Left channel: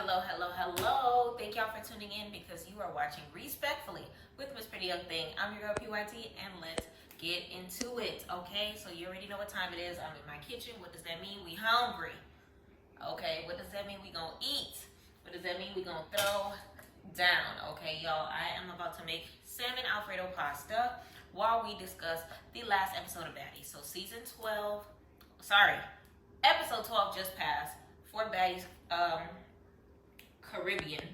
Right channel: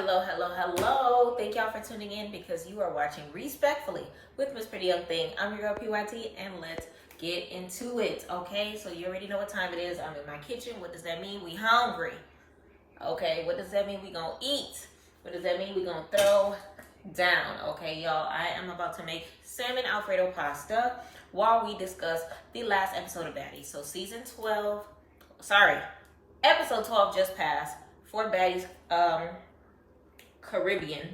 Hello, hello, hello. Thank y'all for tuning in because you are watching Respectfully with Miss Pretty Young Thing. I'm your girl PYT and let's get into it, okay? So you already know what time it is. I'm in my kitchen. What does that mean? We hungry. Okay, what does that mean? We gonna eat. What does that mean? We gonna throw down, okay, y'all? I am about to make salmon Alfredo pasta while we discuss the last episode of Baddies. So episode 12 just passed for Baddies Caribbean.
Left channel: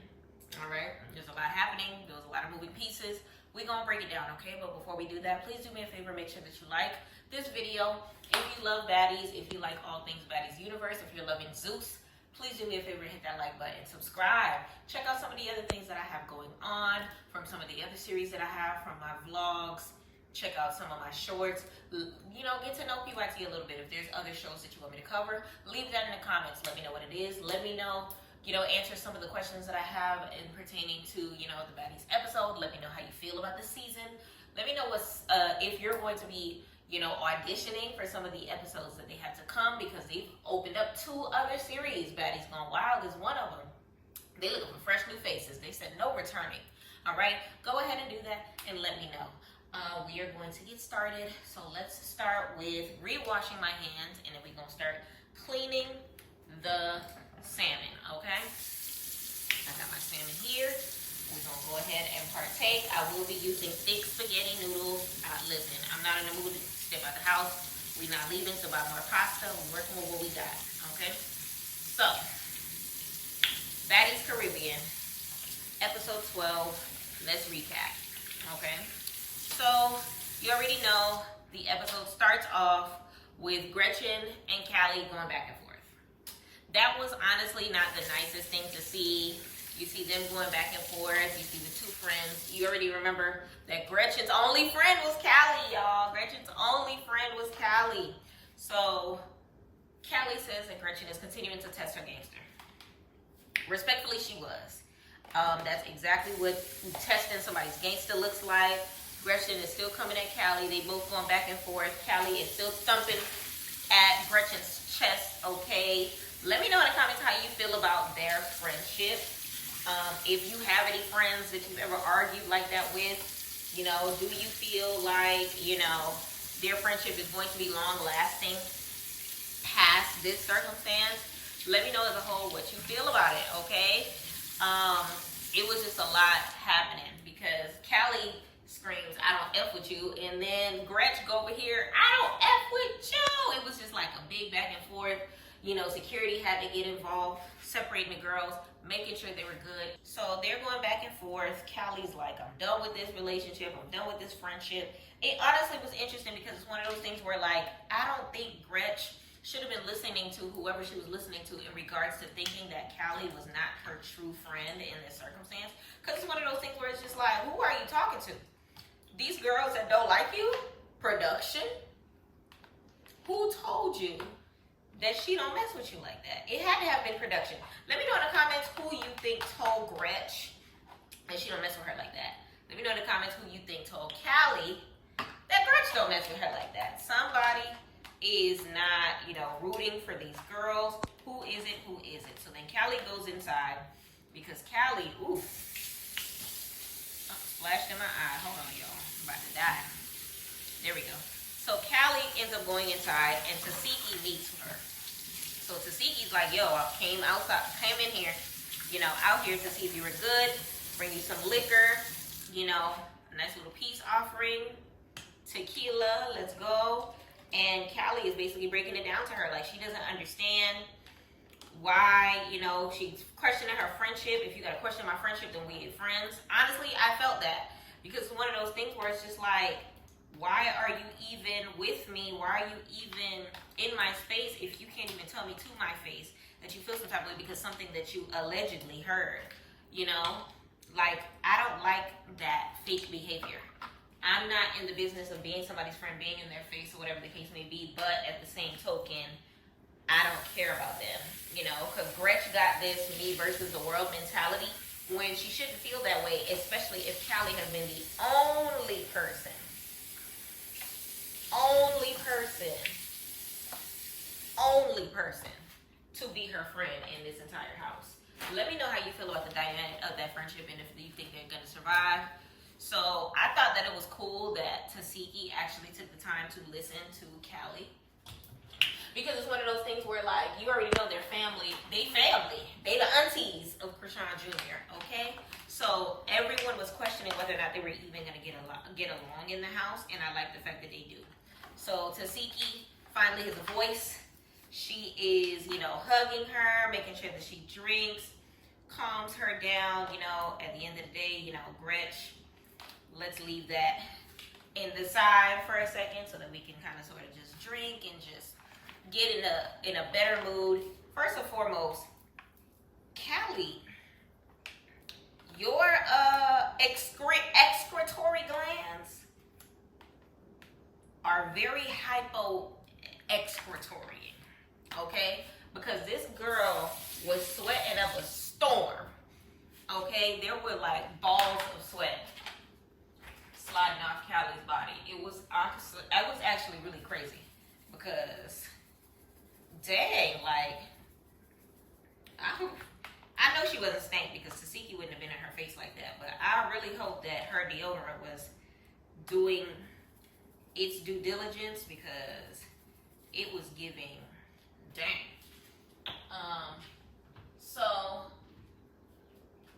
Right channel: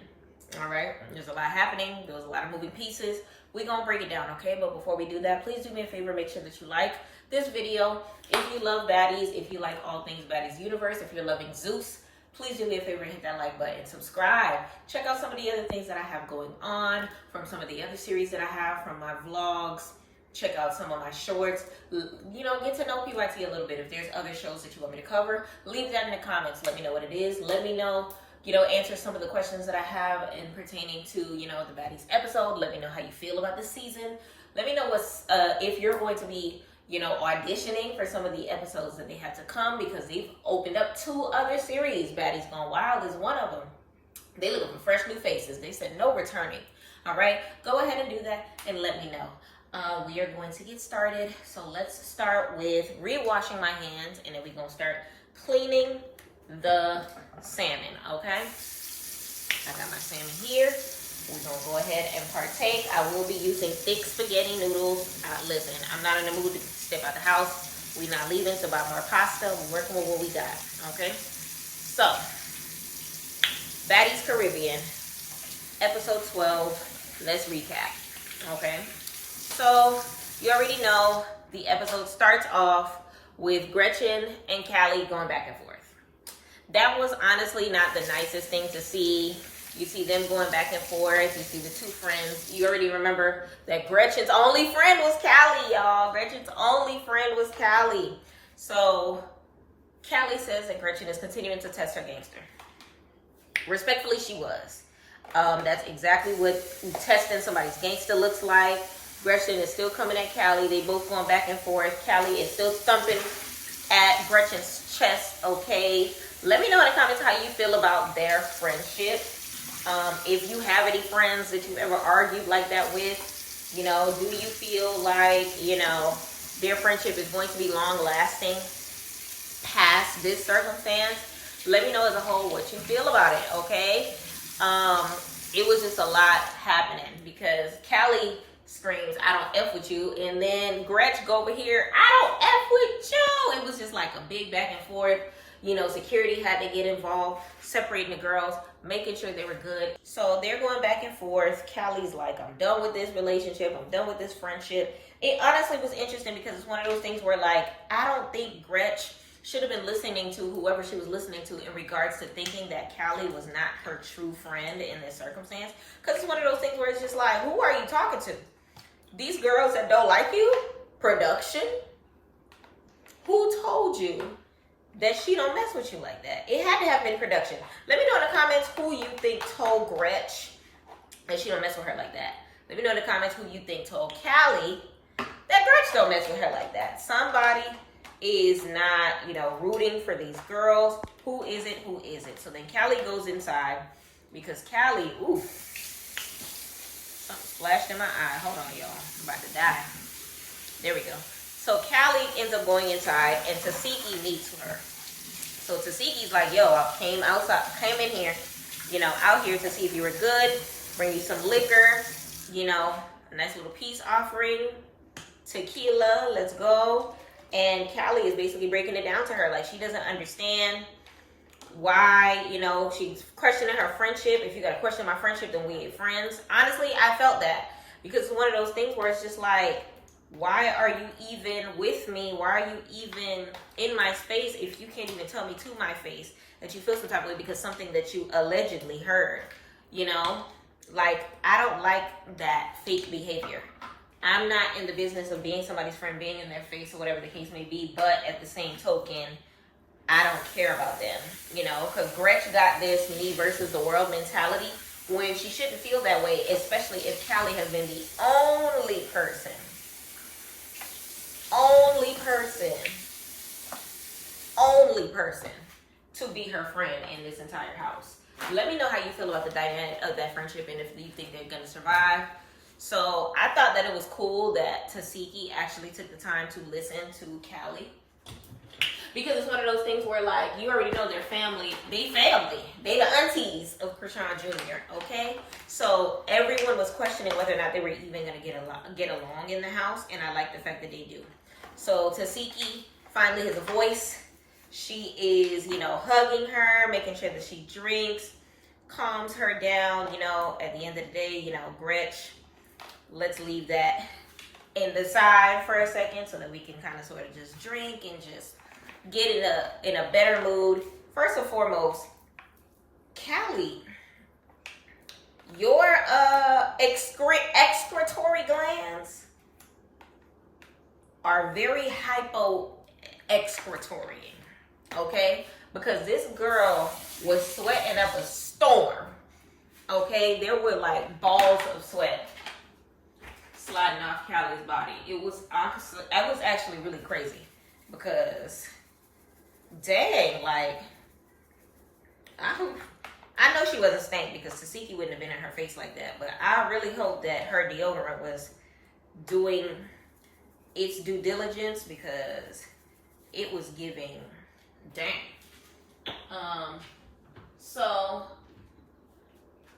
All right, there's a lot happening. There was a lot of moving pieces. We're gonna break it down, okay? But before we do that, please do me a favor, make sure that you like this video. If you love Baddies, if you like all things Baddies universe, if you're loving Zeus, please do me a favor and hit that like button, subscribe. Check out some of the other things that I have going on from some of the other series that I have from my vlogs. Check out some of my shorts. You know, get to know PYT a little bit. If there's other shows that you want me to cover, leave that in the comments. Let me know what it is. Let me know, answer some of the questions that I have in pertaining to, the Baddies episode. Let me know how you feel about the season. Let me know if you're going to be, auditioning for some of the episodes that they had to come, because they've opened up 2 other series. Baddies Gone Wild is one of them. They looking for fresh new faces. They said no returning. All right, go ahead and do that and let me know. We are going to get started. So let's start with re-washing my hands, and then we're going to start cleaning the salmon, okay? I got my salmon here. We're going to go ahead and partake. I will be using thick spaghetti noodles. Listen, I'm not in the mood to step out the house. We're not leaving to buy more pasta. We're working with what we got, okay? So, Baddies Caribbean, episode 12. Let's recap, okay? So, you already know the episode starts off with Gretchen and Callie going back and forth. That was honestly not the nicest thing to see. You see them going back and forth. You see the 2 friends. You already remember that Gretchen's only friend was Callie, y'all. Gretchen's only friend was Callie. So, Callie says that Gretchen is continuing to test her gangster. Respectfully, she was. That's exactly what testing somebody's gangster looks like. Gretchen is still coming at Callie. They both going back and forth. Callie is still thumping at Gretchen's chest, okay? Let me know in the comments how you feel about their friendship. If you have any friends that you've ever argued like that with, do you feel like, their friendship is going to be long-lasting past this circumstance? Let me know as a whole what you feel about it, okay? It was just a lot happening because Callie screams, "I don't F with you," and then Gretch go over here, "I don't F with you." It was just like a big back and forth. Security had to get involved, separating the girls, making sure they were good. So they're going back and forth. Callie's like, "I'm done with this relationship. I'm done with this friendship." It honestly was interesting because it's one of those things where, like, I don't think Gretch should have been listening to whoever she was listening to in regards to thinking that Callie was not her true friend in this circumstance. Because it's one of those things where it's just like, who are you talking to? These girls that don't like you? Production? Who told you that she don't mess with you like that? It had to have been production. Let me know in the comments who you think told Gretch that she don't mess with her like that. Let me know in the comments who you think told Callie that Gretch don't mess with her like that. Somebody is not, rooting for these girls. Who is it? Who is it? So then Callie goes inside because Callie, something splashed in my eye. Hold on, y'all. I'm about to die. There we go. So Callie ends up going inside, and Tasiki meets her. So Tasiki's like, "Yo, I came in here, out here to see if you were good, bring you some liquor, a nice little peace offering, tequila, let's go." And Callie is basically breaking it down to her. Like, she doesn't understand why, she's questioning her friendship. If you got to question my friendship, then we ain't friends. Honestly, I felt that because it's one of those things where it's just like, why are you even with me? Why are you even in my space if you can't even tell me to my face that you feel some type of way because something that you allegedly heard, Like, I don't like that fake behavior. I'm not in the business of being somebody's friend, being in their face or whatever the case may be, but at the same token, I don't care about them, because Gretch got this me versus the world mentality when she shouldn't feel that way, especially if Callie has been the only person to be her friend in this entire house. Let me know how you feel about the dynamic of that friendship and if you think they're gonna survive. So I thought that it was cool that Tasiki actually took the time to listen to Callie. Because it's one of those things where, like, you already know their family. They family. They the aunties of Krishan Jr., okay? So everyone was questioning whether or not they were even going to get along in the house. And I like the fact that they do. So Tasiki finally has a voice. She is, you know, hugging her, making sure that she drinks, calms her down. You know, at the end of the day, you know, Gretch, let's leave that in the side for a second so that we can kind of sort of just drink and just get in a better mood. First and foremost, Callie, your excretory glands are very hypo-excretory, okay? Because this girl was sweating up a storm, okay? There were like balls of sweat sliding off Callie's body. It was actually really crazy because dang, like, I know she wasn't stank because Tasiki wouldn't have been in her face like that, but I really hope that her deodorant was doing its due diligence because it was giving dang. So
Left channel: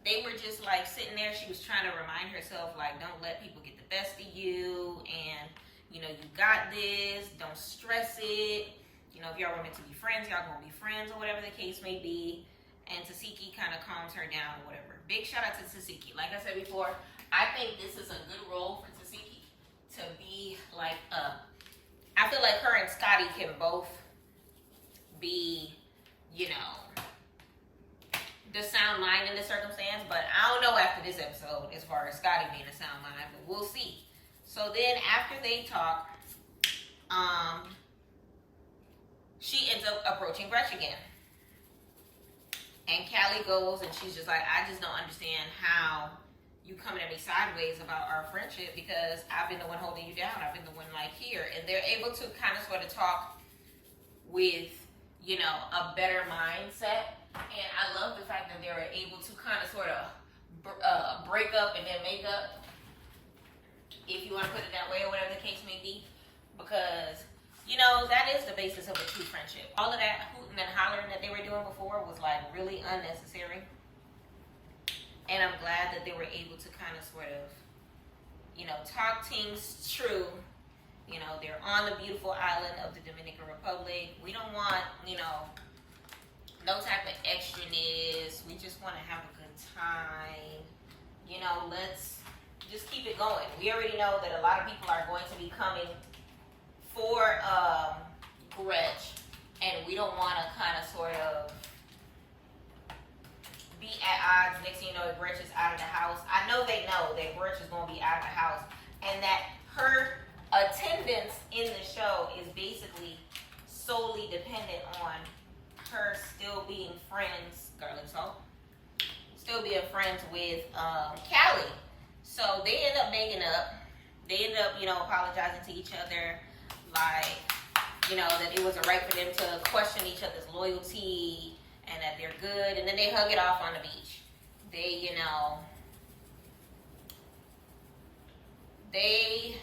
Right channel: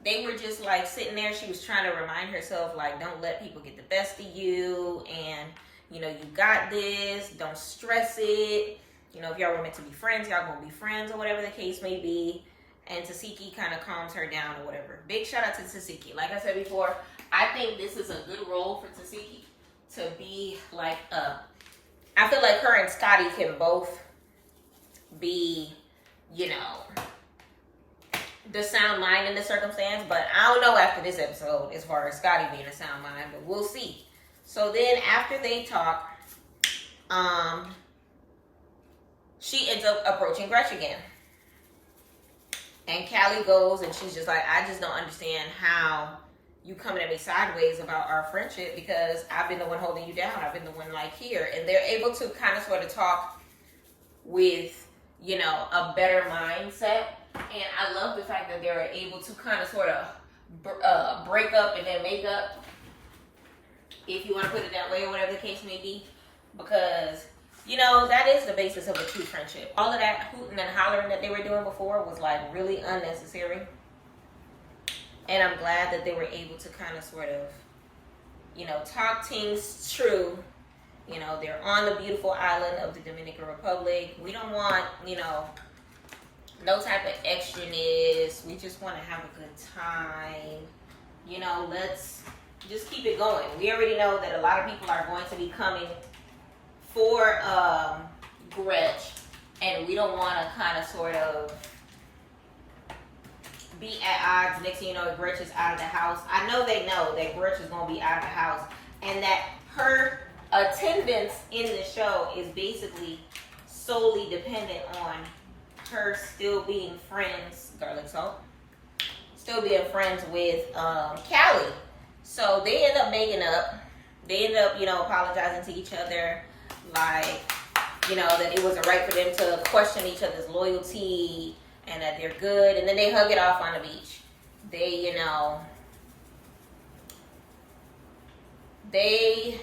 they were just like sitting there. She was trying to remind herself, like, don't let people get the best of you, and you know, you got this, don't stress it. You know, if y'all were meant to be friends, y'all gonna be friends or whatever the case may be. And Tasiki kind of calms her down or whatever. Big shout out to Tasiki. Like I said before, I think this is a good role for Tasiki to be like, I feel like her and Scotty can both be, you know, the sound mind in the circumstance. But I don't know after this episode as far as Scotty being a sound mind, but we'll see. So then after they talk, she ends up approaching Gretchen again. And Callie goes and she's just like, I just don't understand how you coming at me sideways about our friendship because I've been the one holding you down. I've been the one like here. And they're able to kind of sort of talk with, you know, a better mindset. And I love the fact that they were able to kind of sort of break up and then make up, if you want to put it that way or whatever the case may be. Because, you know, that is the basis of a true friendship. All of that hooting and hollering that they were doing before was like really unnecessary. And I'm glad that they were able to kind of sort of, you know, talk things true. You know, they're on the beautiful island of the Dominican Republic. We don't want, you know, no type of extraness. We just want to have a good time. You know, let's just keep it going. We already know that a lot of people are going to be coming for Gretch, and we don't want to kind of sort of be at odds. Next thing you know, Gretch is out of the house. I know they know that Gretch is going to be out of the house, and that her attendance in the show is basically solely dependent on her still being friends, garlic salt, still being friends with Callie. So they end up making up. They end up, you know, apologizing to each other. Like, you know, that it wasn't right for them to question each other's loyalty and that they're good. And then they hug it off on the beach. They, you know, they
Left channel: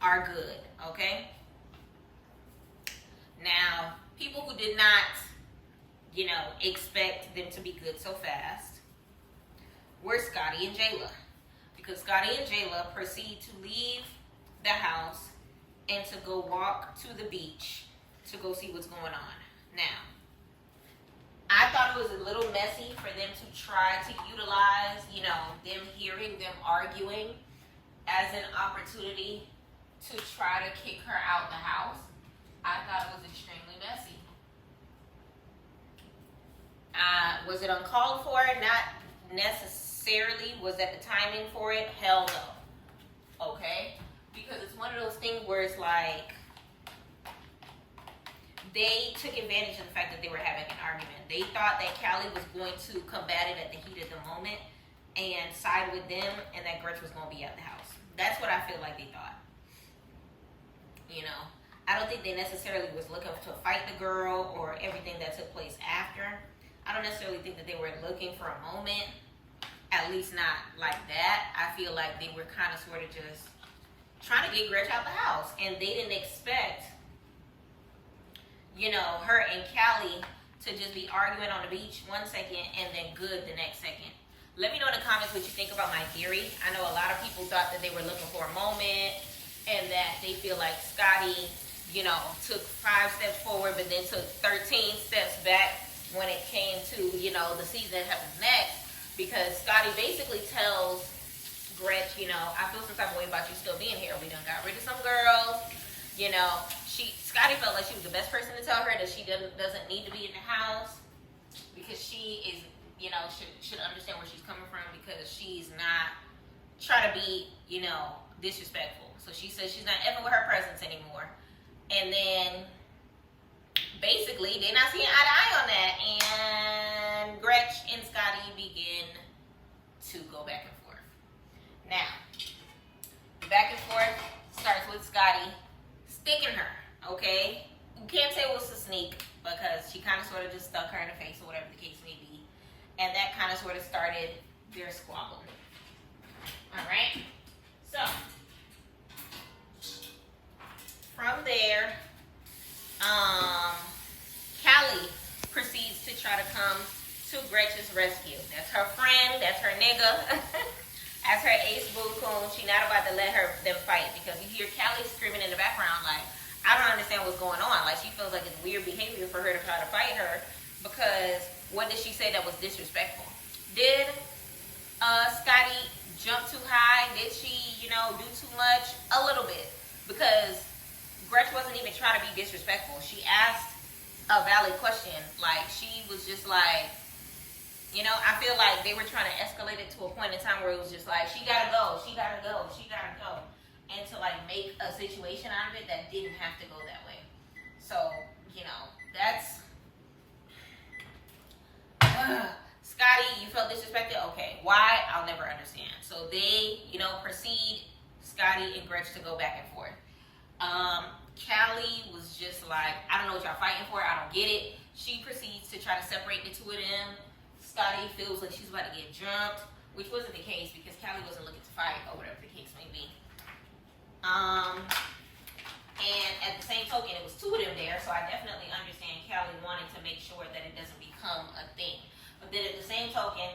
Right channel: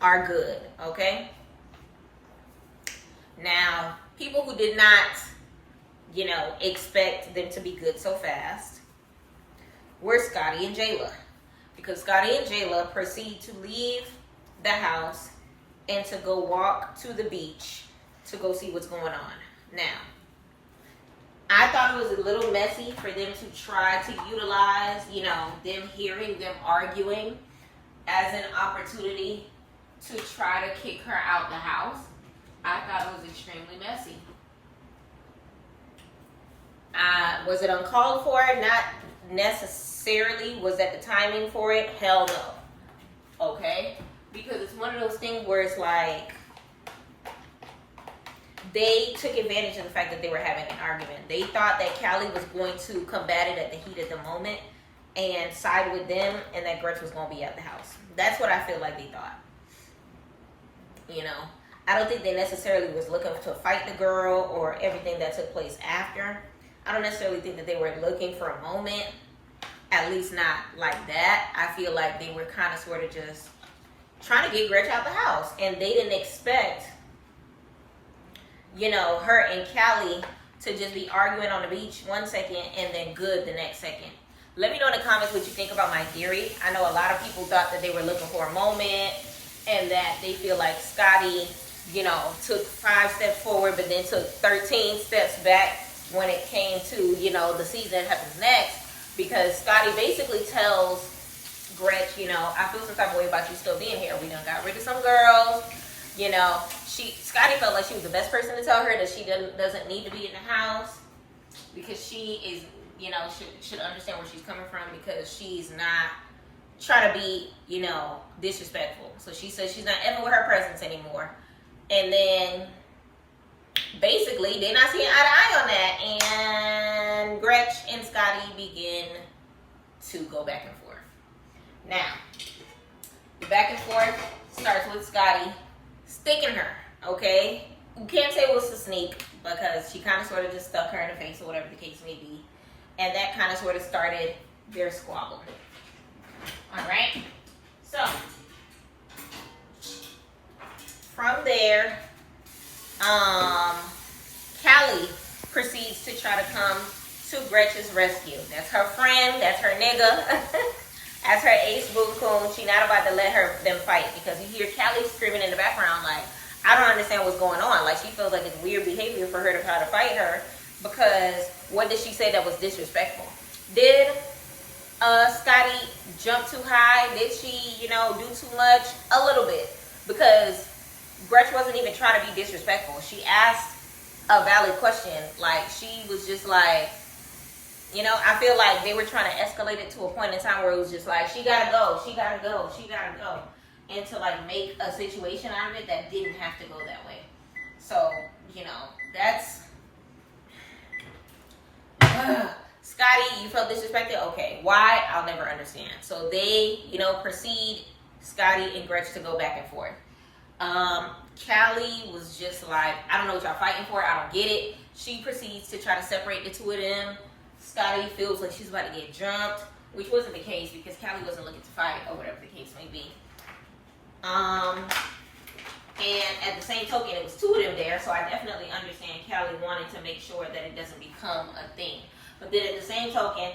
are good, okay? Now, people who did not, you know, expect them to be good so fast were Scotty and Jayla. Because Scotty and Jayla proceed to leave the house and to go walk to the beach to go see what's going on. Now, I thought it was a little messy for them to try to utilize, you know, them hearing them arguing as an opportunity to try to kick her out the house. I thought it was extremely messy. Was it uncalled for? Not necessarily. Was that the timing for it? Hell no. Okay? Because it's one of those things where it's like they took advantage of the fact that they were having an argument. They thought that Callie was going to combat it at the heat of the moment and side with them, and that Gretch was going to be at the house. That's what I feel like they thought. You know, I don't think they necessarily was looking to fight the girl or everything that took place after. I don't necessarily think that they were looking for a moment, at least not like that. I feel like they were kind of sort of just trying to get Gretchen out the house, and they didn't expect, you know, her and Callie to just be arguing on the beach one second and then good the next second. Let me know in the comments what you think about my theory. I know a lot of people thought that they were looking for a moment and that they feel like Scotty, you know, took 5 steps forward but then took 13 steps back when it came to, you know, the season that happens next, because Scotty basically tells Gretch, you know, I feel some type of way about you still being here. We done got rid of some girls, you know. Scotty felt like she was the best person to tell her that she doesn't need to be in the house, because she is, you know, should understand where she's coming from, because she's not trying to be, you know, disrespectful. So she says she's not effing with her presence anymore. And then basically they're not seeing eye to eye on that, and Gretch and Scotty begin to go back and forth. Now, the back and forth starts with Scotty sticking her, okay? You can't say it was a sneak, because she kind of sort of just stuck her in the face or whatever the case may be. And that kind of sort of started their squabble. All right? So, from there, Callie proceeds to try to come to Gretchen's rescue. That's her friend. That's her nigga. That's her ace boo coon. She not about to let them fight, because you hear Callie screaming in the background like, I don't understand what's going on. Like, she feels like it's weird behavior for her to try to fight her, because what did she say that was disrespectful? Did Scotty jump too high? Did she, you know, do too much? A little bit, because Gretch wasn't even trying to be disrespectful. She asked a valid question. Like, she was just like, you know, I feel like they were trying to escalate it to a point in time where it was just like, she gotta go, she gotta go, she gotta go. And to like make a situation out of it that didn't have to go that way. So, you know, that's... Scotty, you felt disrespected? Okay. Why? I'll never understand. So they, you know, proceed, Scotty and Gretch, to go back and forth. Callie was just like, I don't know what y'all fighting for. I don't get it. She proceeds to try to separate the two of them. Scotty feels like she's about to get jumped, which wasn't the case, because Callie wasn't looking to fight, or whatever the case may be. And at the same token, it was two of them there, so I definitely understand Callie wanted to make sure that it doesn't become a thing. But then at the same token,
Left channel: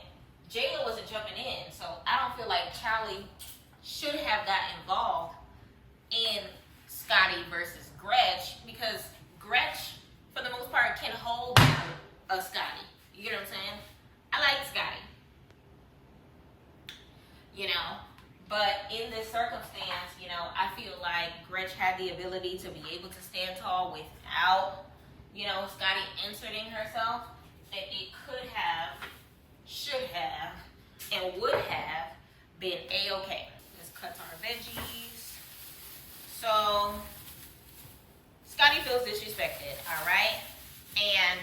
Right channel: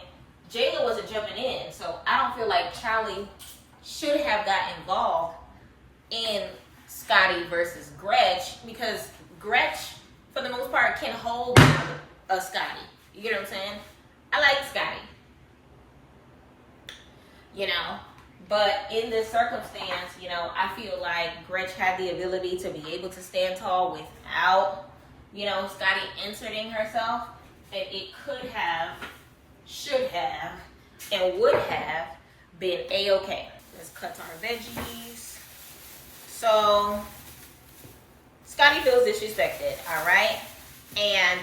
Jayla wasn't jumping in, so I don't feel like Callie should have got involved in Scotty versus Gretch, because Gretch, for the most part, can hold down a Scotty. You get what I'm saying? I like Scotty. You know? But in this circumstance, you know, I feel like Gretch had the ability to be able to stand tall without, you know, Scotty inserting herself. It could have, should have, and would have been A-okay. Let's cut our veggies. So, Scotty feels disrespected, all right? And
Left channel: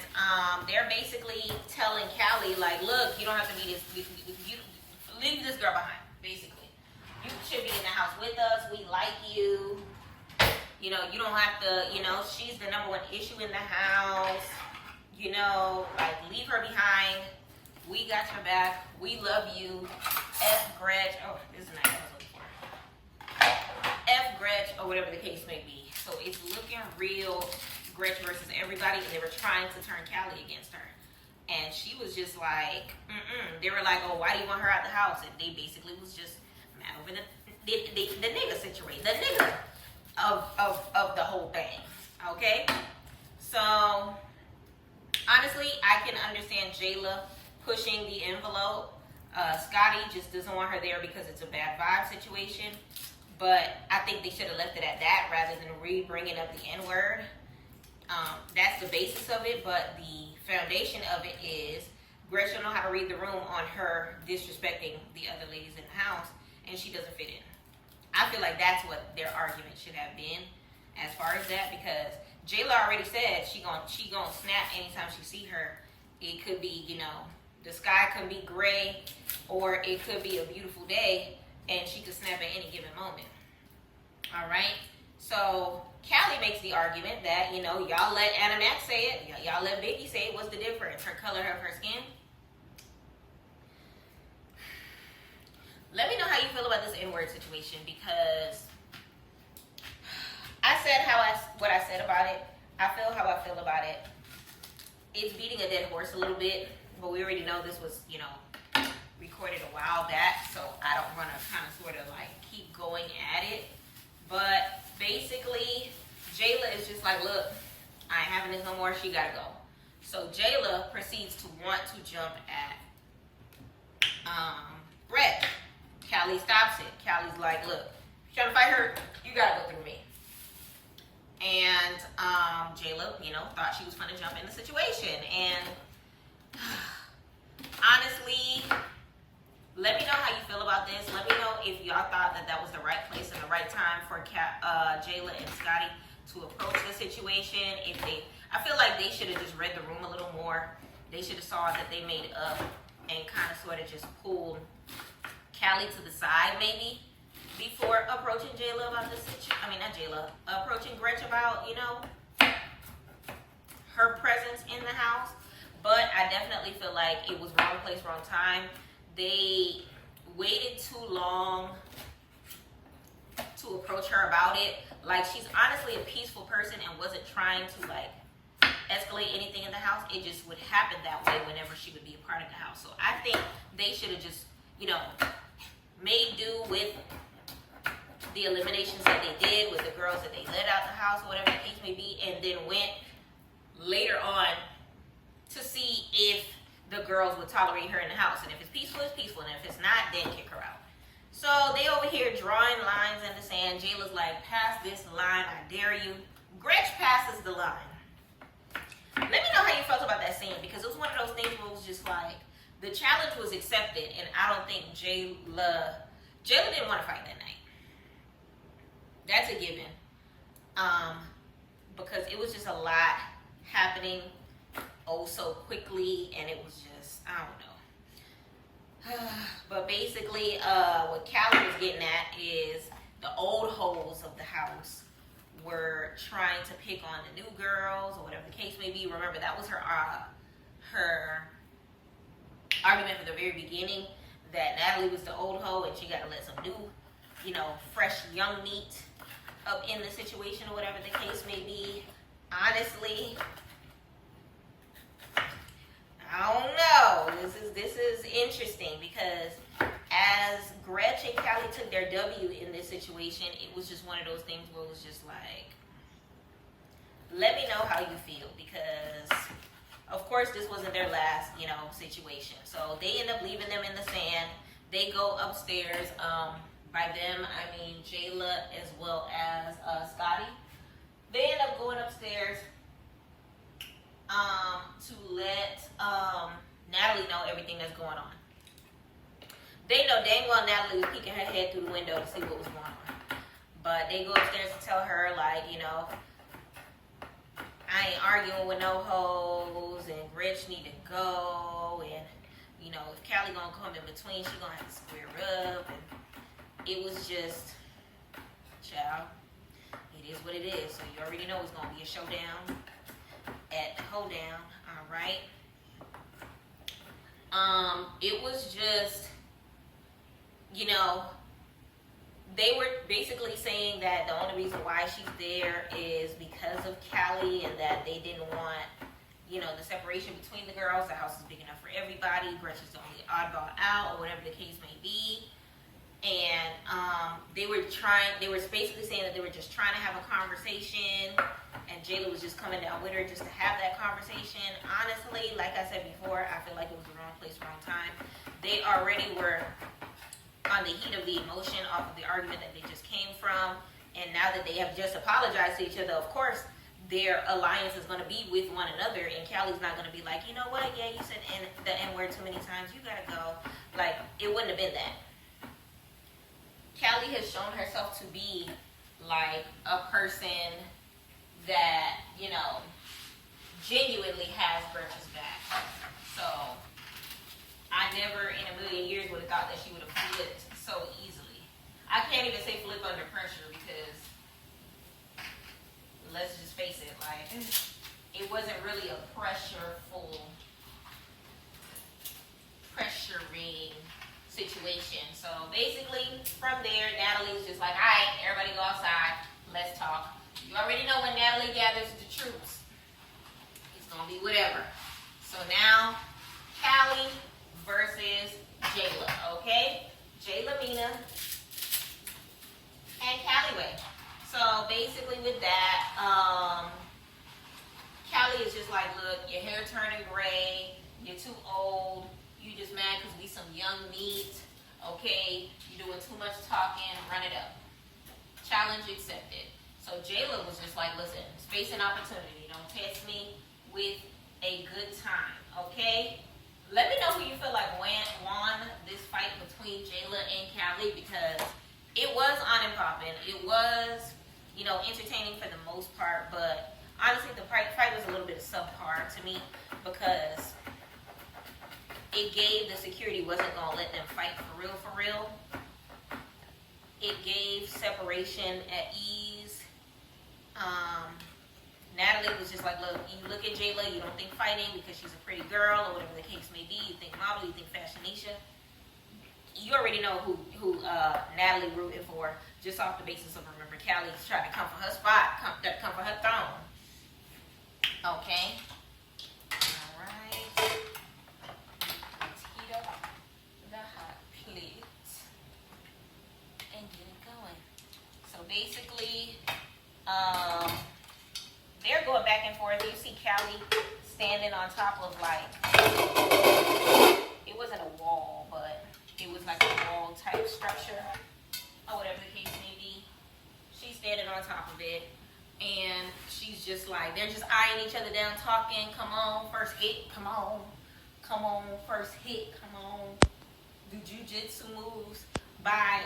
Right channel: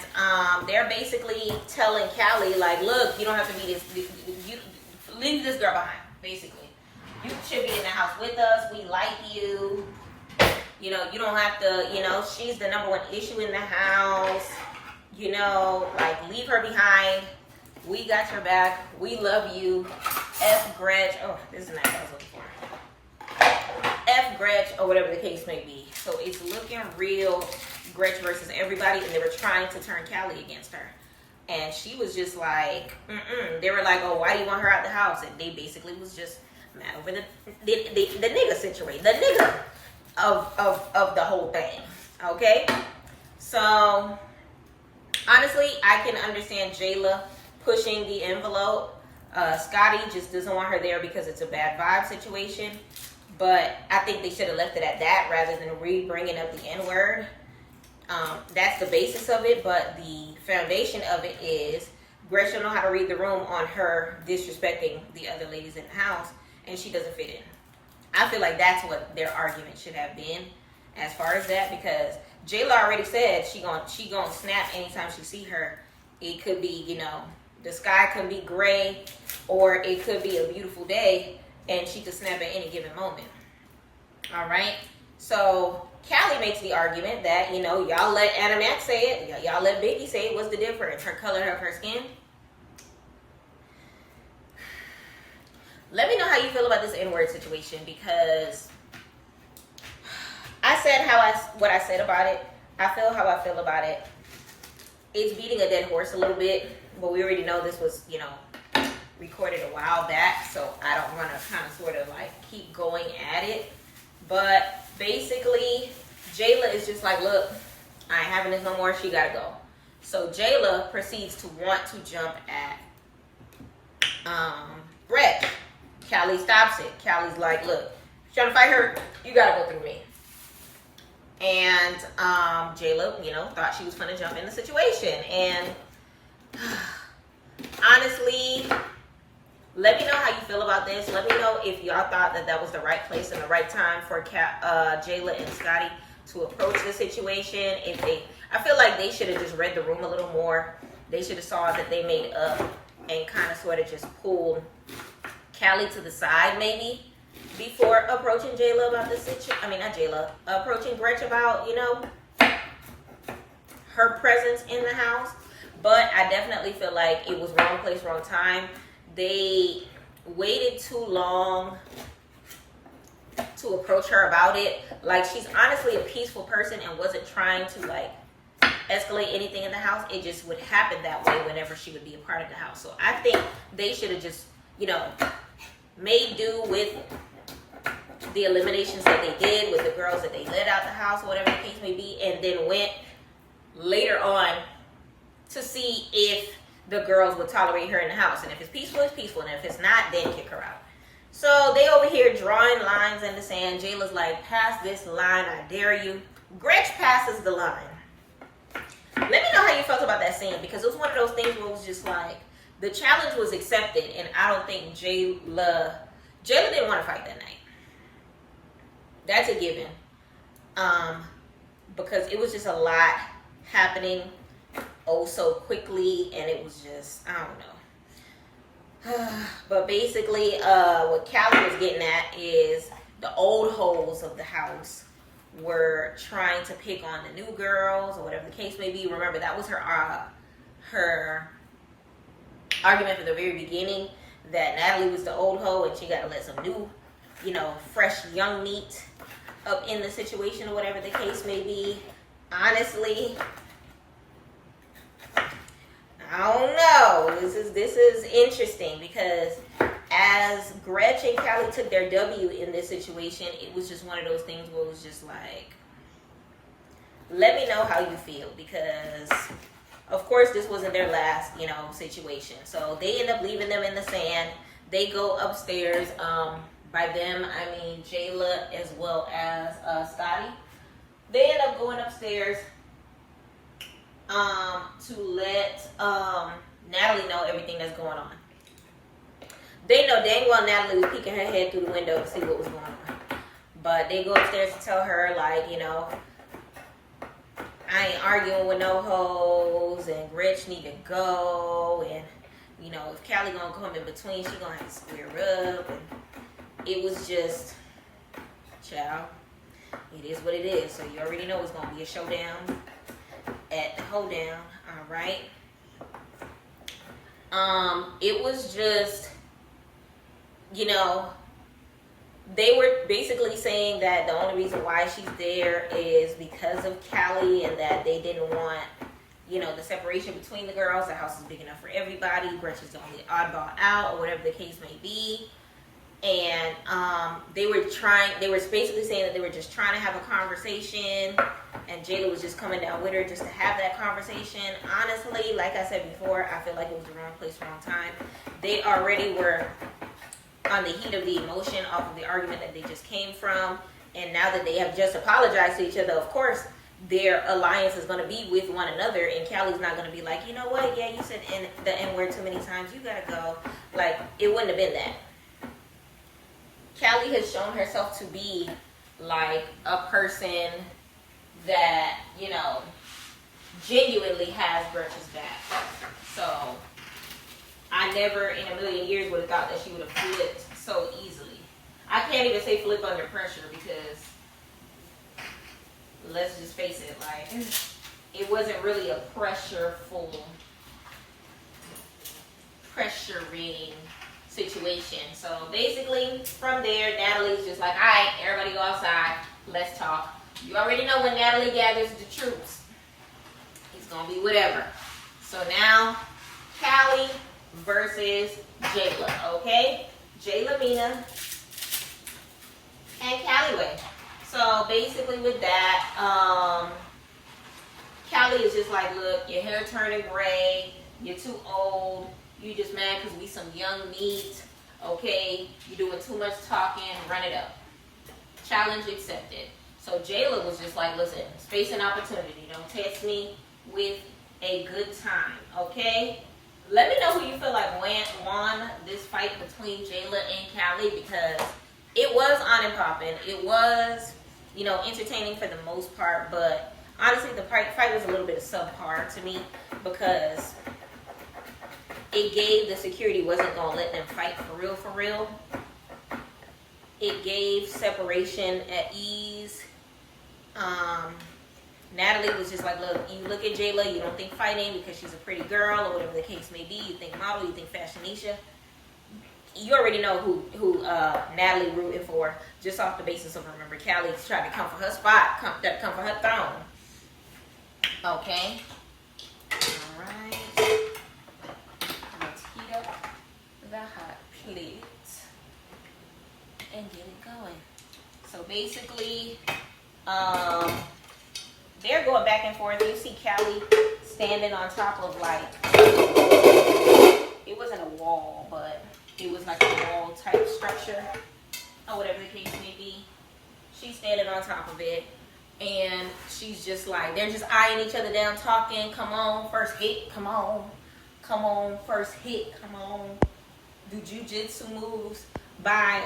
they're basically telling Callie, like, look, you don't have to be this, you leave this girl behind, basically. You should be in the house with us. We like you. You know, you don't have to, you know, she's the #1 issue in the house. You know, like, leave her behind. We got your back. We love you. F Gretch. Oh, this is not what I was looking for. F Gretch, or whatever the case may be. So it's looking real Gretch versus everybody, and they were trying to turn Callie against her. And she was just like, They were like, oh, why do you want her out the house? And they basically was just mad over the nigga situation. The nigga of the whole thing. Okay? So, honestly, I can understand Jayla pushing the envelope. Scotty just doesn't want her there because it's a bad vibe situation. But I think they should have left it at that rather than bringing up the N-word. That's the basis of it, but the foundation of it is Gretchen don't know how to read the room on her disrespecting the other ladies in the house, and she doesn't fit in. I feel like that's what their argument should have been as far as that, because Jayla already said she gonna snap anytime she see her. It could be, you know, the sky could be gray, or it could be a beautiful day, and she could snap at any given moment. All right? So Callie makes the argument that, you know, y'all let Anna Mac say it. Y'all let Biggie say it. What's the difference? Her color of her skin? Let me know how you feel about this N-word situation, because I said what I said about it. I feel how I feel about it. It's beating a dead horse a little bit, but we already know this was, you know, recorded a while back, so I don't want to kind of sort of like keep going at it. But basically, Jayla is just like, look, I ain't having this no more. She gotta go. So Jayla proceeds to want to jump at Gretch. Callie stops it. Callie's like, look, if you're trying to fight her, you gotta go through me. And Jayla, you know, thought she was gonna jump in the situation. And honestly, let me know how you feel about this. Let me know if y'all thought that was the right place and the right time for Jayla and Scotty to approach the situation. I feel like they should have just read the room a little more. They should have saw that they made up and kind of sort of just pulled Callie to the side maybe before approaching Jayla about this situation. I mean, not Jayla, approaching Gretch about, you know, her presence in the house. But I definitely feel like it was wrong place, wrong time. They waited too long to approach her about it. Like, she's honestly a peaceful person and wasn't trying to like escalate anything in the house. It just would happen that way whenever she would be a part of the house. So I think they should have just, you know, made do with the eliminations that they did with the girls that they let out the house or whatever the case may be, and then went later on to see if the girls would tolerate her in the house. And if it's peaceful, it's peaceful. And if it's not, then kick her out. So they over here drawing lines in the sand. Jayla's like, pass this line, I dare you. Gretch passes the line. Let me know how you felt about that scene, because it was one of those things where it was just like, the challenge was accepted, and I don't think Jayla didn't want to fight that night. That's a given. Because it was just a lot happening so quickly, and it was just, I don't know. But basically, what Callie was getting at is the old hoes of the house were trying to pick on the new girls or whatever the case may be. Remember, that was her argument from the very beginning, that Natalie was the old hoe and she got to let some new, you know, fresh young meat up in the situation or whatever the case may be. Honestly, I don't know. This is interesting, because as Gretch and Callie took their W in this situation, it was just one of those things where it was just like, let me know how you feel, because of course this wasn't their last, you know, situation. So they end up leaving them in the sand. They go upstairs. By them, I mean Jayla as well as Scotty. They end up going upstairs to let Natalie know everything that's going on. They know dang well Natalie was peeking her head through the window to see what was going on. But they go upstairs to tell her, like, you know, I ain't arguing with no hoes, and Gretch need to go, and, you know, if Callie gonna come in between, she gonna have to square up, and it was just, child, it is what it is. So you already know it's gonna be a showdown at the hoedown, all right? It was just, you know, they were basically saying that the only reason why she's there is because of Callie, and that they didn't want, you know, the separation between the girls. The house is big enough for everybody. Gretchen's the only oddball out, or whatever the case may be. And they were basically saying that they were just trying to have a conversation, and Jayla was just coming down with her just to have that conversation. Honestly, like I said before, I feel like it was the wrong place, wrong time. They already were on the heat of the emotion off of the argument that they just came from, and now that they have just apologized to each other, of course their alliance is going to be with one another, and Callie's not going to be like, you know what, yeah, you said the N-word too many times, you gotta go. Like, it wouldn't have been that. Callie has shown herself to be like a person that, you know, genuinely has Gretchen's back. So I never in a million years would have thought that she would have flipped so easily. I can't even say flip under pressure, because let's just face it, like, it wasn't really a pressuring situation. So basically, from there, Natalie's just like, all right, everybody go outside, let's talk. You already know when Natalie gathers the troops, it's gonna be whatever. So now, Callie versus Jayla, okay? Jayla Mina and Callie. So basically with that, Callie is just like, look, your hair turning gray, you're too old, you just mad because we some young meat, okay? You're doing too much talking, run it up. Challenge accepted. So Jayla was just like, listen, space and opportunity. Don't test me with a good time, okay? Let me know who you feel like won this fight between Jayla and Callie, because it was on and popping. It was, you know, entertaining for the most part, but honestly, the fight was a little bit of subpar to me, because it gave the security wasn't going to let them fight for real. It gave separation at ease. Natalie was just like, look, you look at Jayla, you don't think fighting because she's a pretty girl or whatever the case may be. You think model, you think fashionisha. You already know who Natalie rooting for, just off the basis of, remember, Callie's trying to come for her spot, come for her throne. Okay. All right. Let's heat up the hot plate and get it going. So basically, they're going back and forth. You see Callie standing on top of, like, it wasn't a wall, but it was like a wall type structure, or whatever the case may be. She's standing on top of it, and she's just like, they're just eyeing each other down, talking. Come on, first hit. Come on, first hit. Come on. Do jujitsu moves by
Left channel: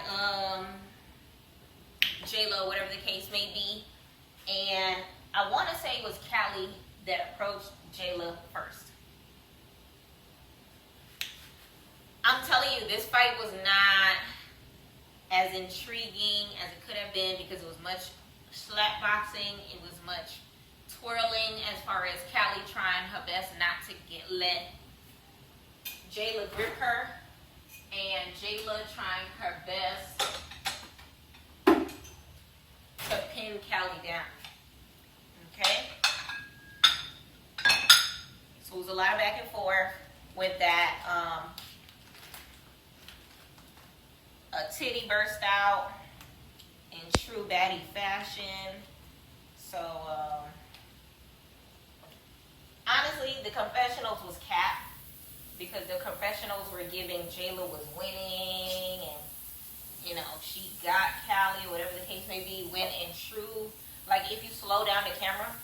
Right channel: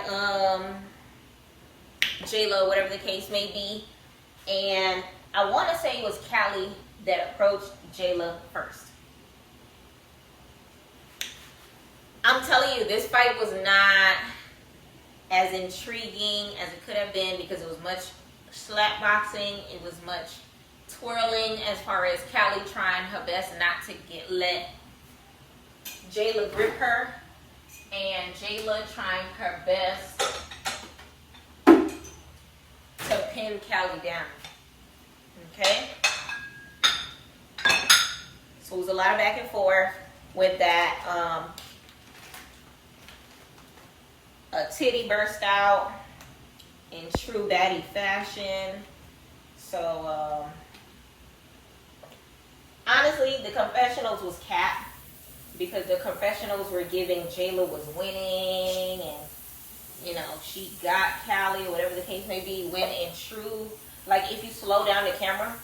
J-Lo, whatever the case may be. And I want to say it was Callie that approached Jayla first. I'm telling you, this fight was not as intriguing as it could have been, because it was much slap boxing. It was much twirling, as far as Callie trying her best not to let Jayla grip her, and Jayla trying her best to pin Callie down. Okay? So it was a lot of back and forth with that. A titty burst out in true baddie fashion. So, honestly, the confessionals was capped, because the confessionals were giving Jayla was winning, and, you know, she got Callie, or whatever the case may be, when in true, like, if you slow down the camera,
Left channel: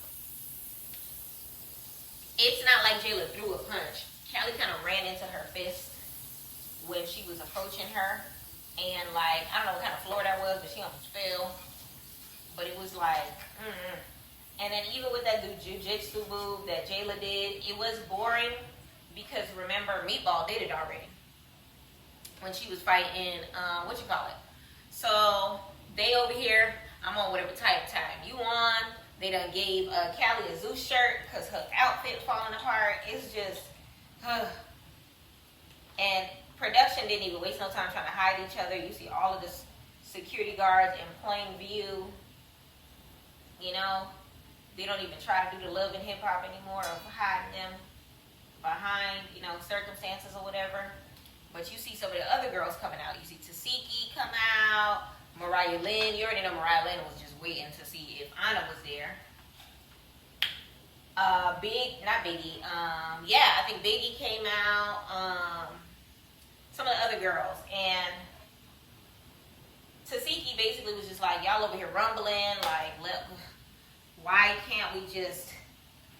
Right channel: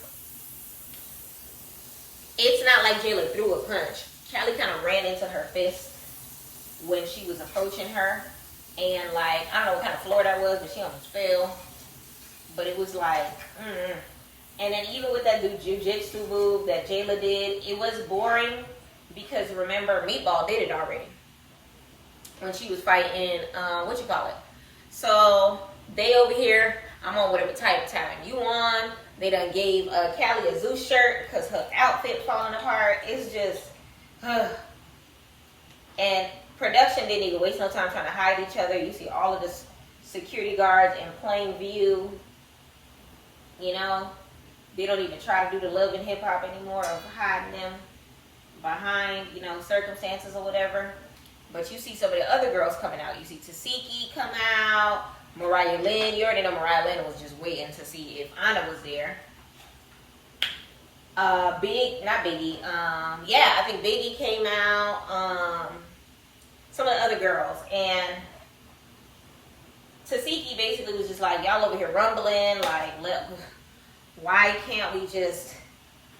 it's not like Jayla threw a punch. Callie kind of ran into her fist when she was approaching her. And, like, I don't know what kind of floor that was, but she almost fell. But it was like, And then even with that jiu-jitsu move that Jayla did, it was boring, because, remember, Meatball did it already when she was fighting, So, they over here, I'm on whatever type of time you on. They done gave Callie a Zeus shirt because her outfit falling apart. It's just, and production didn't even waste no time trying to hide each other. You see all of the security guards in plain view. You know, they don't even try to do the love and hip hop anymore of hiding them behind, you know, circumstances or whatever. But you see some of the other girls coming out. You see Tasiki come out. Mariah Lynn, you already know Mariah Lynn was just waiting to see if Anna was there. I think Biggie came out. Some of the other girls. And Tasiki basically was just like, y'all over here rumbling, like, why can't we just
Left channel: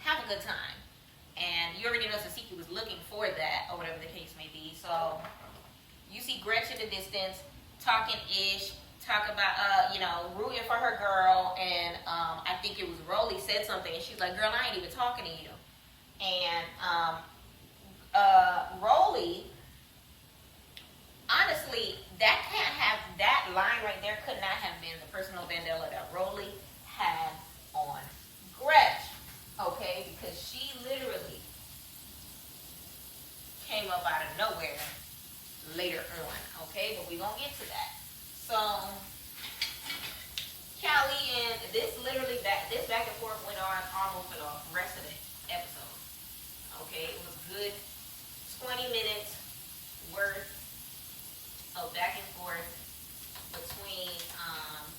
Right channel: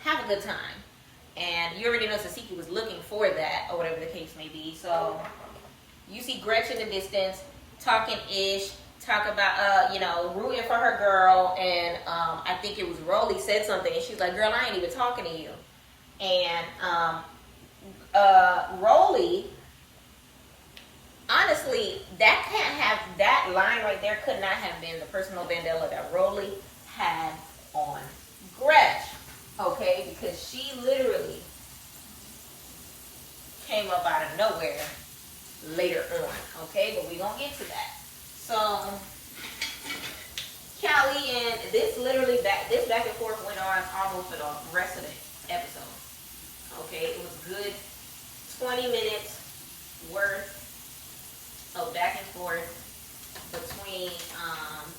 have a good time? And you already know Tasiki was looking for that, or whatever the case may be. So you see Gretchen in the distance, talking ish. Talk about, rooting for her girl, and I think it was Rolly said something, and she's like, girl, I ain't even talking to you. And Rolly, honestly, that line right there could not have been the personal vendetta that Rolly had on Gretch, okay? Because she literally came up out of nowhere later on, okay? But we're going to get to that. So, Callie and this literally, this back and forth went on almost for the rest of the episode, okay? It was good 20 minutes worth of back and forth between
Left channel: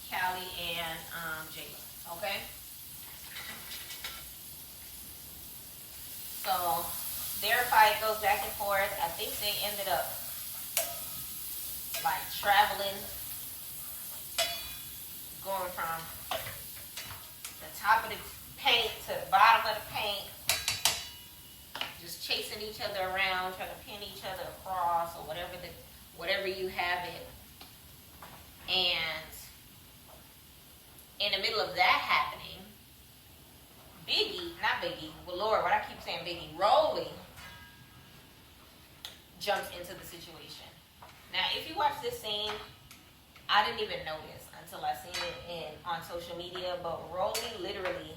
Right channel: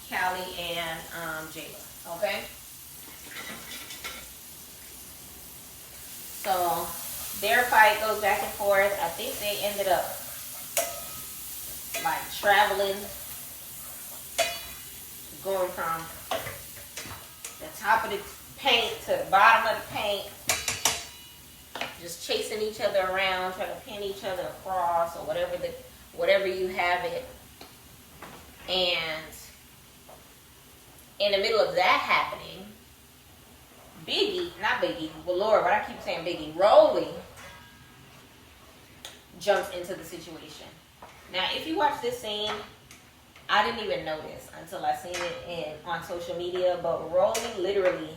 Callie and Jayla, okay? So their fight goes back and forth. I think they ended up like traveling, going from the top of the paint to the bottom of the paint, just chasing each other around, trying to pin each other across or whatever you have it. And in the middle of that happening, Lord, why I keep saying Biggie, Rolly jumps into the situation. Now, if you watch this scene, I didn't even notice until I seen it on social media, but Rolly literally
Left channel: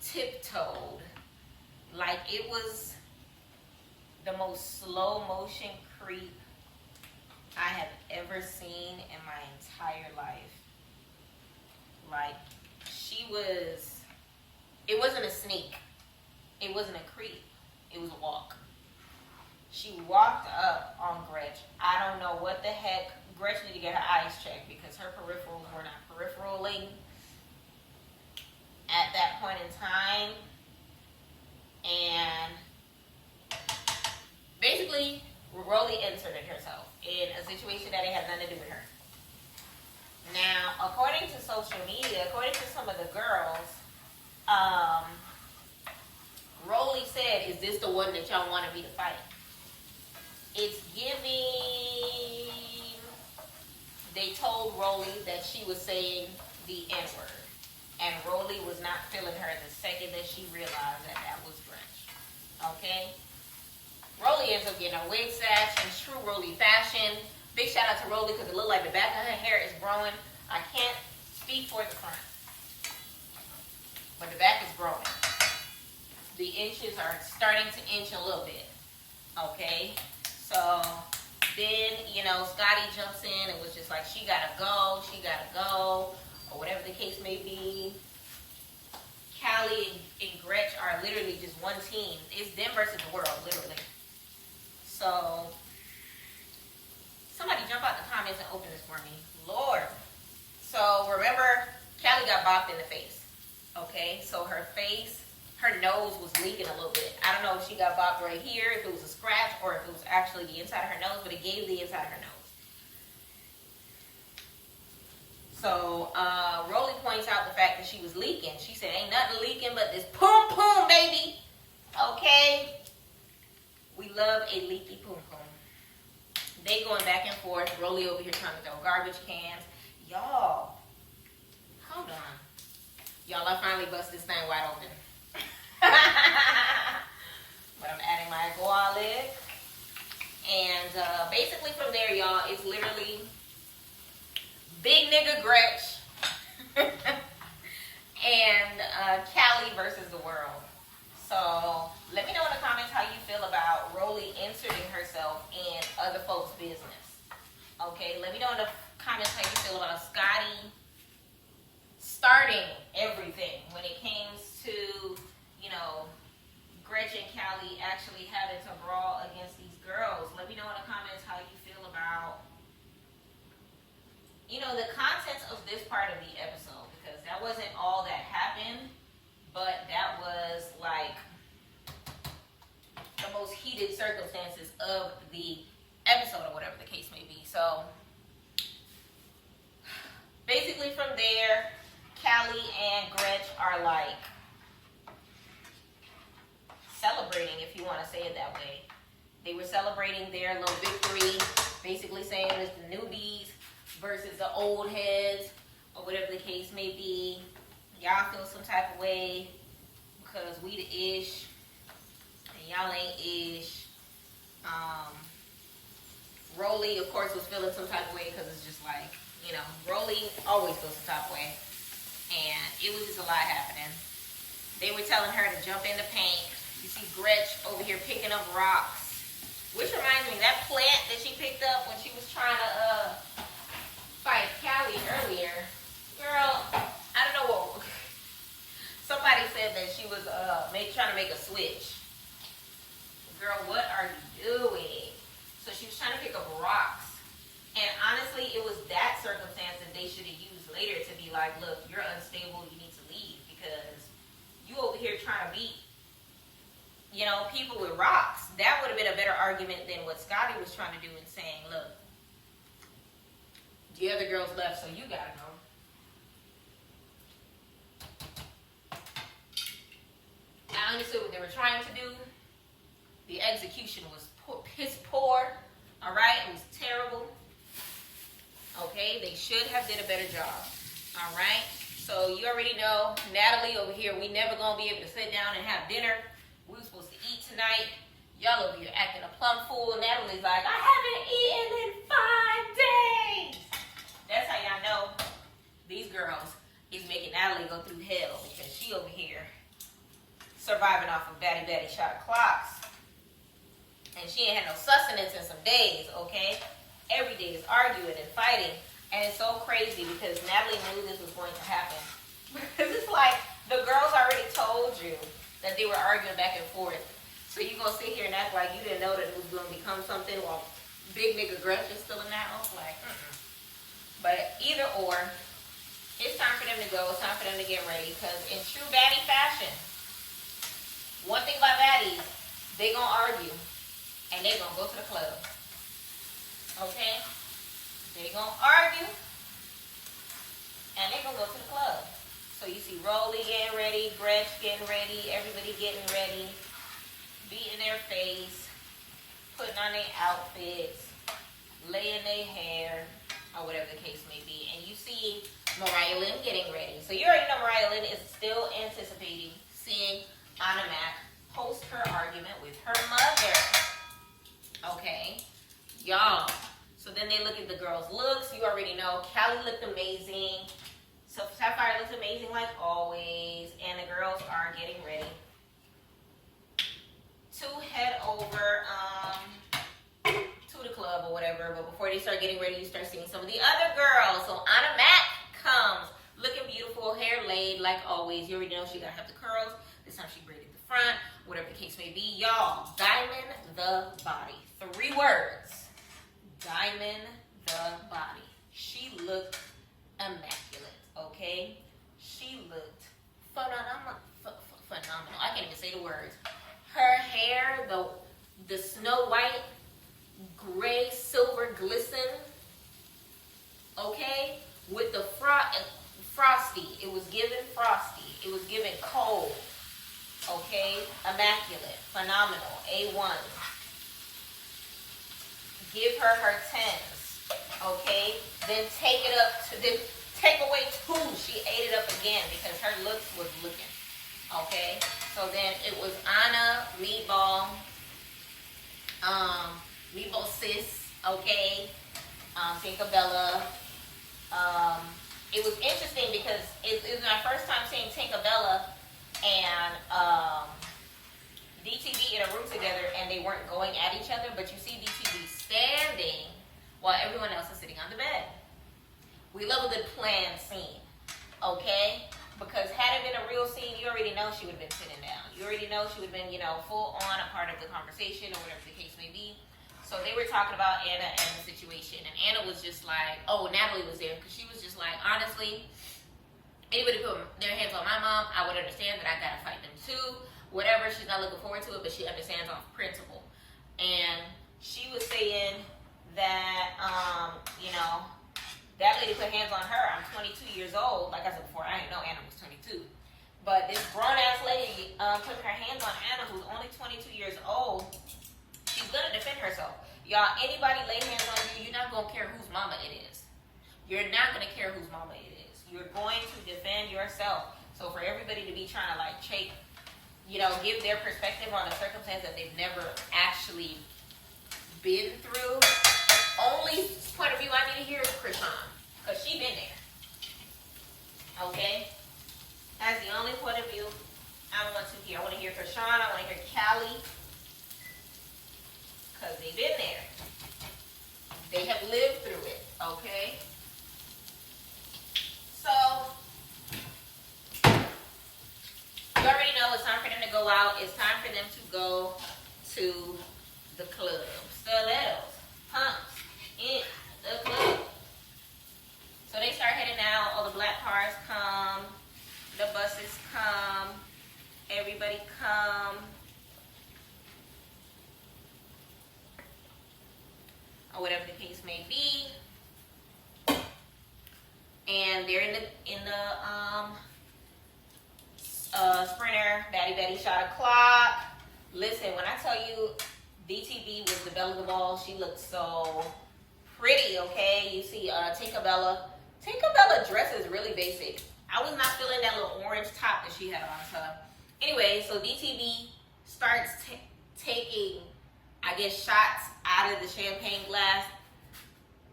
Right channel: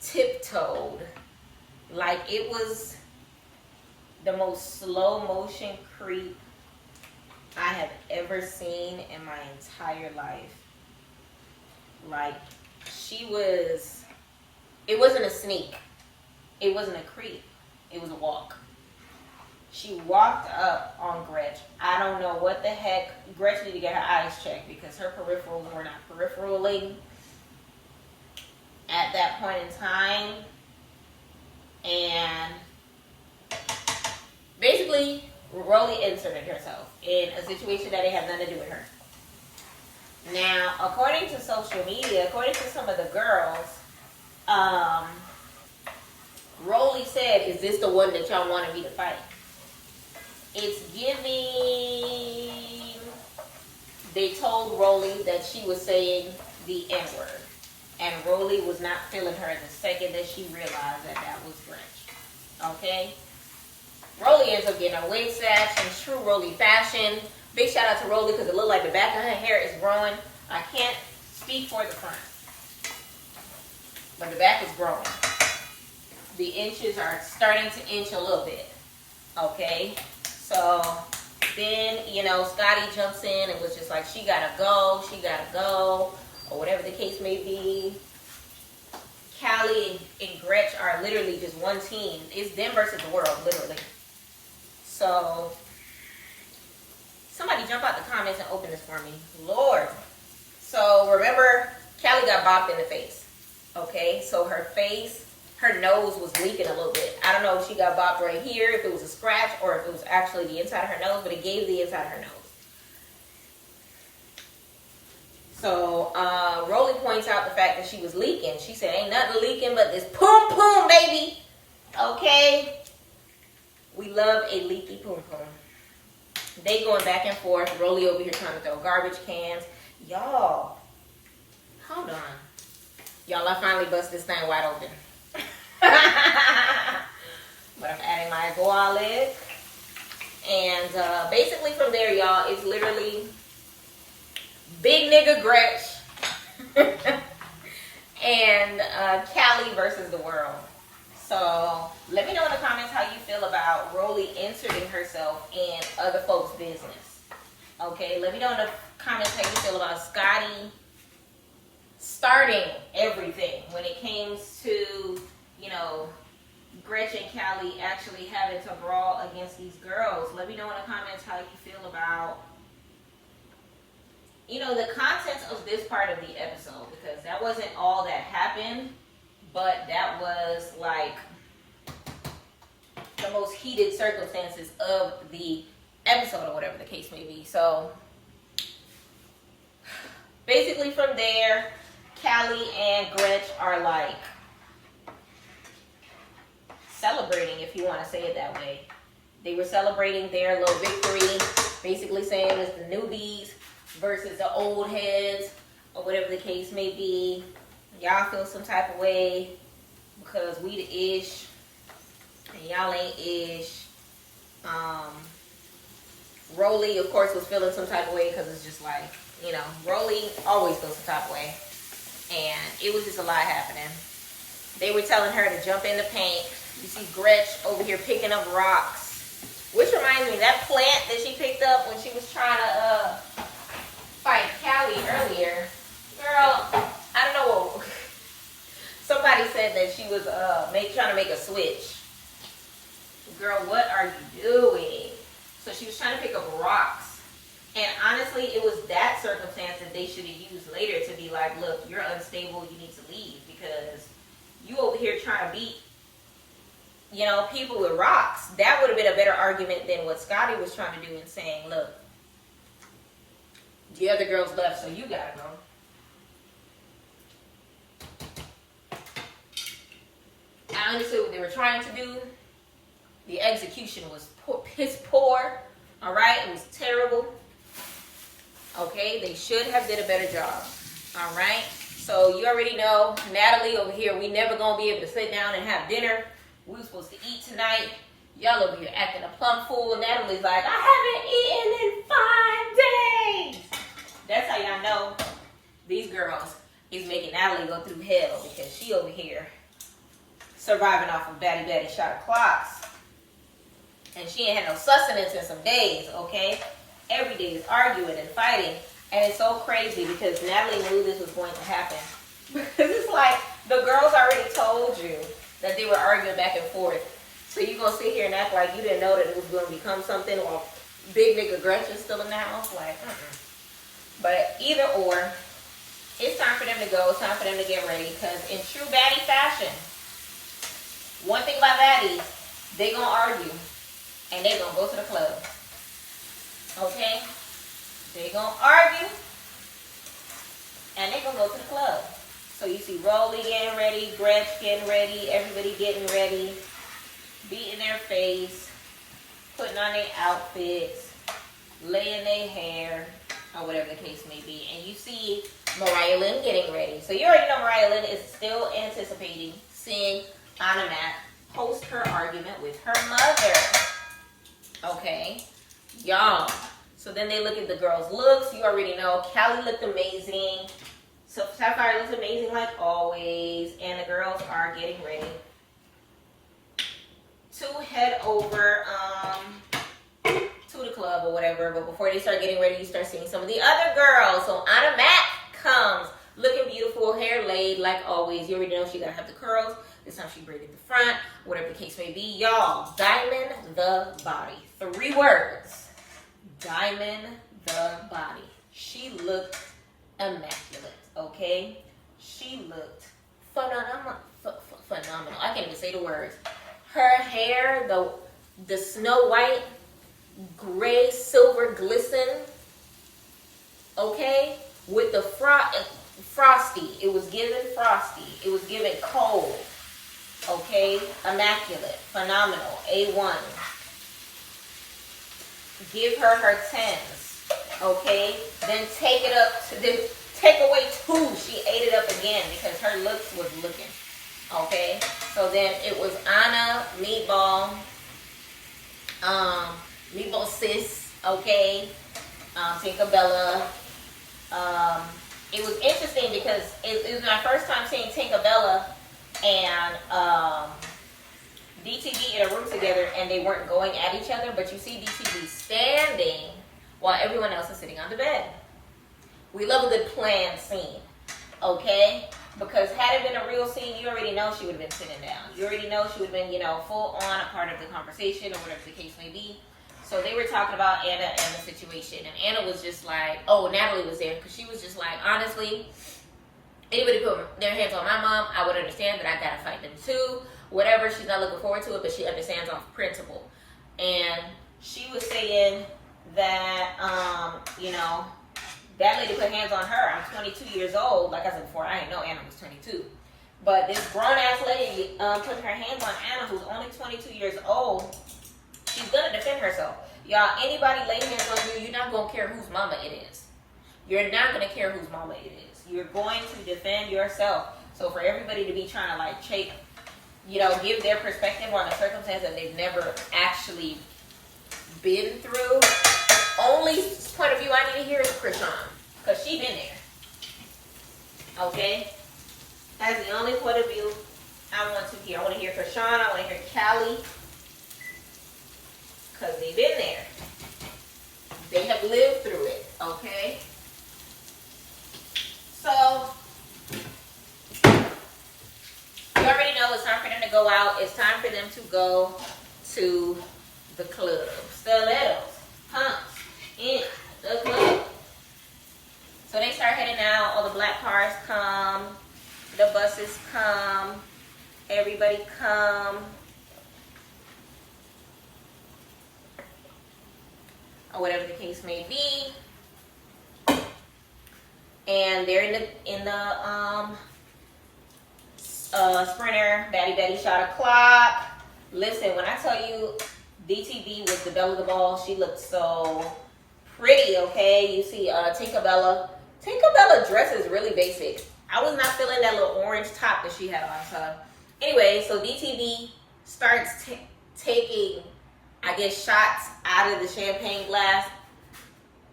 tiptoed like it was the most slow motion creep I have ever seen in my entire life. Like, it wasn't a sneak. It wasn't a creep. It was a walk. She walked up on Gretch. I don't know what the heck. Gretch needed to get her eyes checked because her peripherals were not periperaling at that point in time. And basically, Rolly inserted herself in a situation that it had nothing to do with her. Now, according to social media, according to some of the girls, Rolly said, "Is this the one that y'all wanted me to fight?" It's giving. They told Rolly that she was saying the N-word, and Rolly was not feeling her the second that she realized that was Gretch. Okay? Rolly ends up getting a wig snatch in true Rolly fashion. Big shout out to Rolly because it looked like the back of her hair is growing. I can't speak for the front, but the back is growing. The inches are starting to inch a little bit. Okay? So then, Scotty jumps in and was just like, she gotta go, or whatever the case may be. Callie and Gretch are literally just one team. It's them versus the world, literally. So, somebody jump out the comments and open this for me. Lord. So, remember, Callie got bopped in the face. Okay? So, her nose was leaking a little bit. I don't know if she got bopped right here, if it was a scratch, or if it was actually the inside of her nose, but it gave the inside of her nose. So, Rolly points out the fact that she was leaking. She said, ain't nothing leaking but this poom poom, baby. Okay? We love a leaky poom poom. They going back and forth. Rolly over here trying to throw garbage cans. Y'all, hold on. Y'all, I finally bust this thing wide open. But I'm adding my garlic. And basically from there, y'all, it's literally big nigga Gretch and Callie versus the world. So let me know in the comments how you feel about Rolly inserting herself in other folks' business. Okay, let me know in the comments how you feel about Scotty starting everything when it came to, Gretch and Callie actually having to brawl against these girls. Let me know in the comments how you feel about, the contents of this part of the episode, because that wasn't all that happened, but that was like the most heated circumstances of the episode or whatever the case may be. So basically from there, Callie and Gretch are like celebrating, if you want to say it that way. They were celebrating their little victory, basically saying it's the Newbies versus the Oldheads, or whatever the case may be. Y'all feel some type of way because we the ish and y'all ain't ish. Rolly, of course, was feeling some type of way because it's just like, Rolly always feels some type of way. and it was just a lot happening. They were telling her to jump in the paint. You see Gretch over here picking up rocks, which reminds me, that plant that she picked up when she was trying to fight Callie earlier. Girl, I don't know. Somebody said that she was trying to make a switch. Girl, what are you doing? So she was trying to pick up rocks. And honestly, it was that circumstance that they should have used later to be like, look, you're unstable, you need to leave, because you over here trying to beat, you know, people with rocks. That would have been a better argument than what Scotty was trying to do and saying, look, the other girls left, so you gotta go. I understood what they were trying to do. The execution was piss poor. All right, it was terrible. Okay, they should have did a better job. All right, so you already know, Natalie over here, we never gonna be able to sit down and have dinner. We were supposed to eat tonight. Y'all over here acting a plum fool. Natalie's like, I haven't eaten in 5 days. That's how y'all know these girls is making Natalie go through hell, because she over here surviving off of Baddy shot clocks. And she ain't had no sustenance in some days, okay? Every day is arguing and fighting. And it's so crazy because Natalie knew this was going to happen. Because it's like, the girls already told you that they were arguing back and forth. So you gonna sit here and act like you didn't know that it was gonna become something while big nigga Gretchen's still in the house? Like, But either or, it's time for them to go. It's time for them to get ready. Because in true baddie fashion, one thing about baddies, they gonna argue. And they gonna go to the club. Okay? They gonna argue. And they gonna go to the club. So you see Rolly getting ready, Gretch getting ready, everybody getting ready, beating their face, putting on their outfits, laying their hair, or whatever the case may be. And you see Mariah Lynn getting ready. So you already know Mariah Lynn is still anticipating seeing Anna Mac post her argument with her mother. Okay? Y'all. So then they look at the girls' looks. You already know Callie looked amazing. So Sapphire looks amazing like always. And the girls are getting ready to head over to the club or whatever. But before they start getting ready, you start seeing some of the other girls. So Anna Mac comes looking beautiful, hair laid like always. You already know she gotta have the curls. This time she braided the front, whatever the case may be. Y'all, diamond the body. 3 words. Diamond the body. She looked immaculate, okay? She looked phenomenal. I can't even say the words. Her hair, the snow white, gray, silver glisten, okay? With the frosty. It was given frosty. It was given cold, okay? Immaculate, phenomenal, A1. Give her her 10s, okay? Then take it up to then take away 2. She ate it up again because her looks was looking, okay? So then it was Anna, Meatball, Meatball Sis, okay? Tinkerbella. It was interesting because it was my first time seeing Tinkerbella and DTV in a room together, and they weren't going at each other, but you see DTV standing while everyone else is sitting on the bed. We love a good planned scene, okay? Because had it been a real scene, you already know she would have been sitting down. You already know she would have been, full on a part of the conversation or whatever the case may be. So they were talking about Anna and the situation, and Anna was just like, oh, Natalie was there, because she was just like, honestly, anybody put their hands on my mom, I would understand that I gotta fight them too. Whatever, she's not looking forward to it, but she understands off principle. And she was saying that, that lady put hands on her. I'm 22 years old. Like I said before, I didn't know Anna was 22. But this grown-ass lady put her hands on Anna, who's only 22 years old. She's gonna defend herself. Y'all, anybody lay hands on you, you're not gonna care whose mama it is. You're not gonna care whose mama it is. You're going to defend yourself. So for everybody to be trying to give their perspective on a circumstance that they've never actually been through. Only point of view I need to hear is Krishan, because she been there. Okay? because they've been there. They have lived through it, okay? So, you already know it's time for them to go out. It's time for them to go to the club. Stilettos, pumps, in the club. So they start heading out. All the black cars come. The buses come. Everybody come. Or whatever the case may be. And they're in the sprinter. Betty shot a clock. Listen, when I tell you DTV was the belle of the ball, she looked so pretty, okay? You see Tinkerbella. Tinkerbella dress is really basic. I was not feeling that little orange top that she had on. So anyway, so DTV starts taking, I guess, shots out of the champagne glass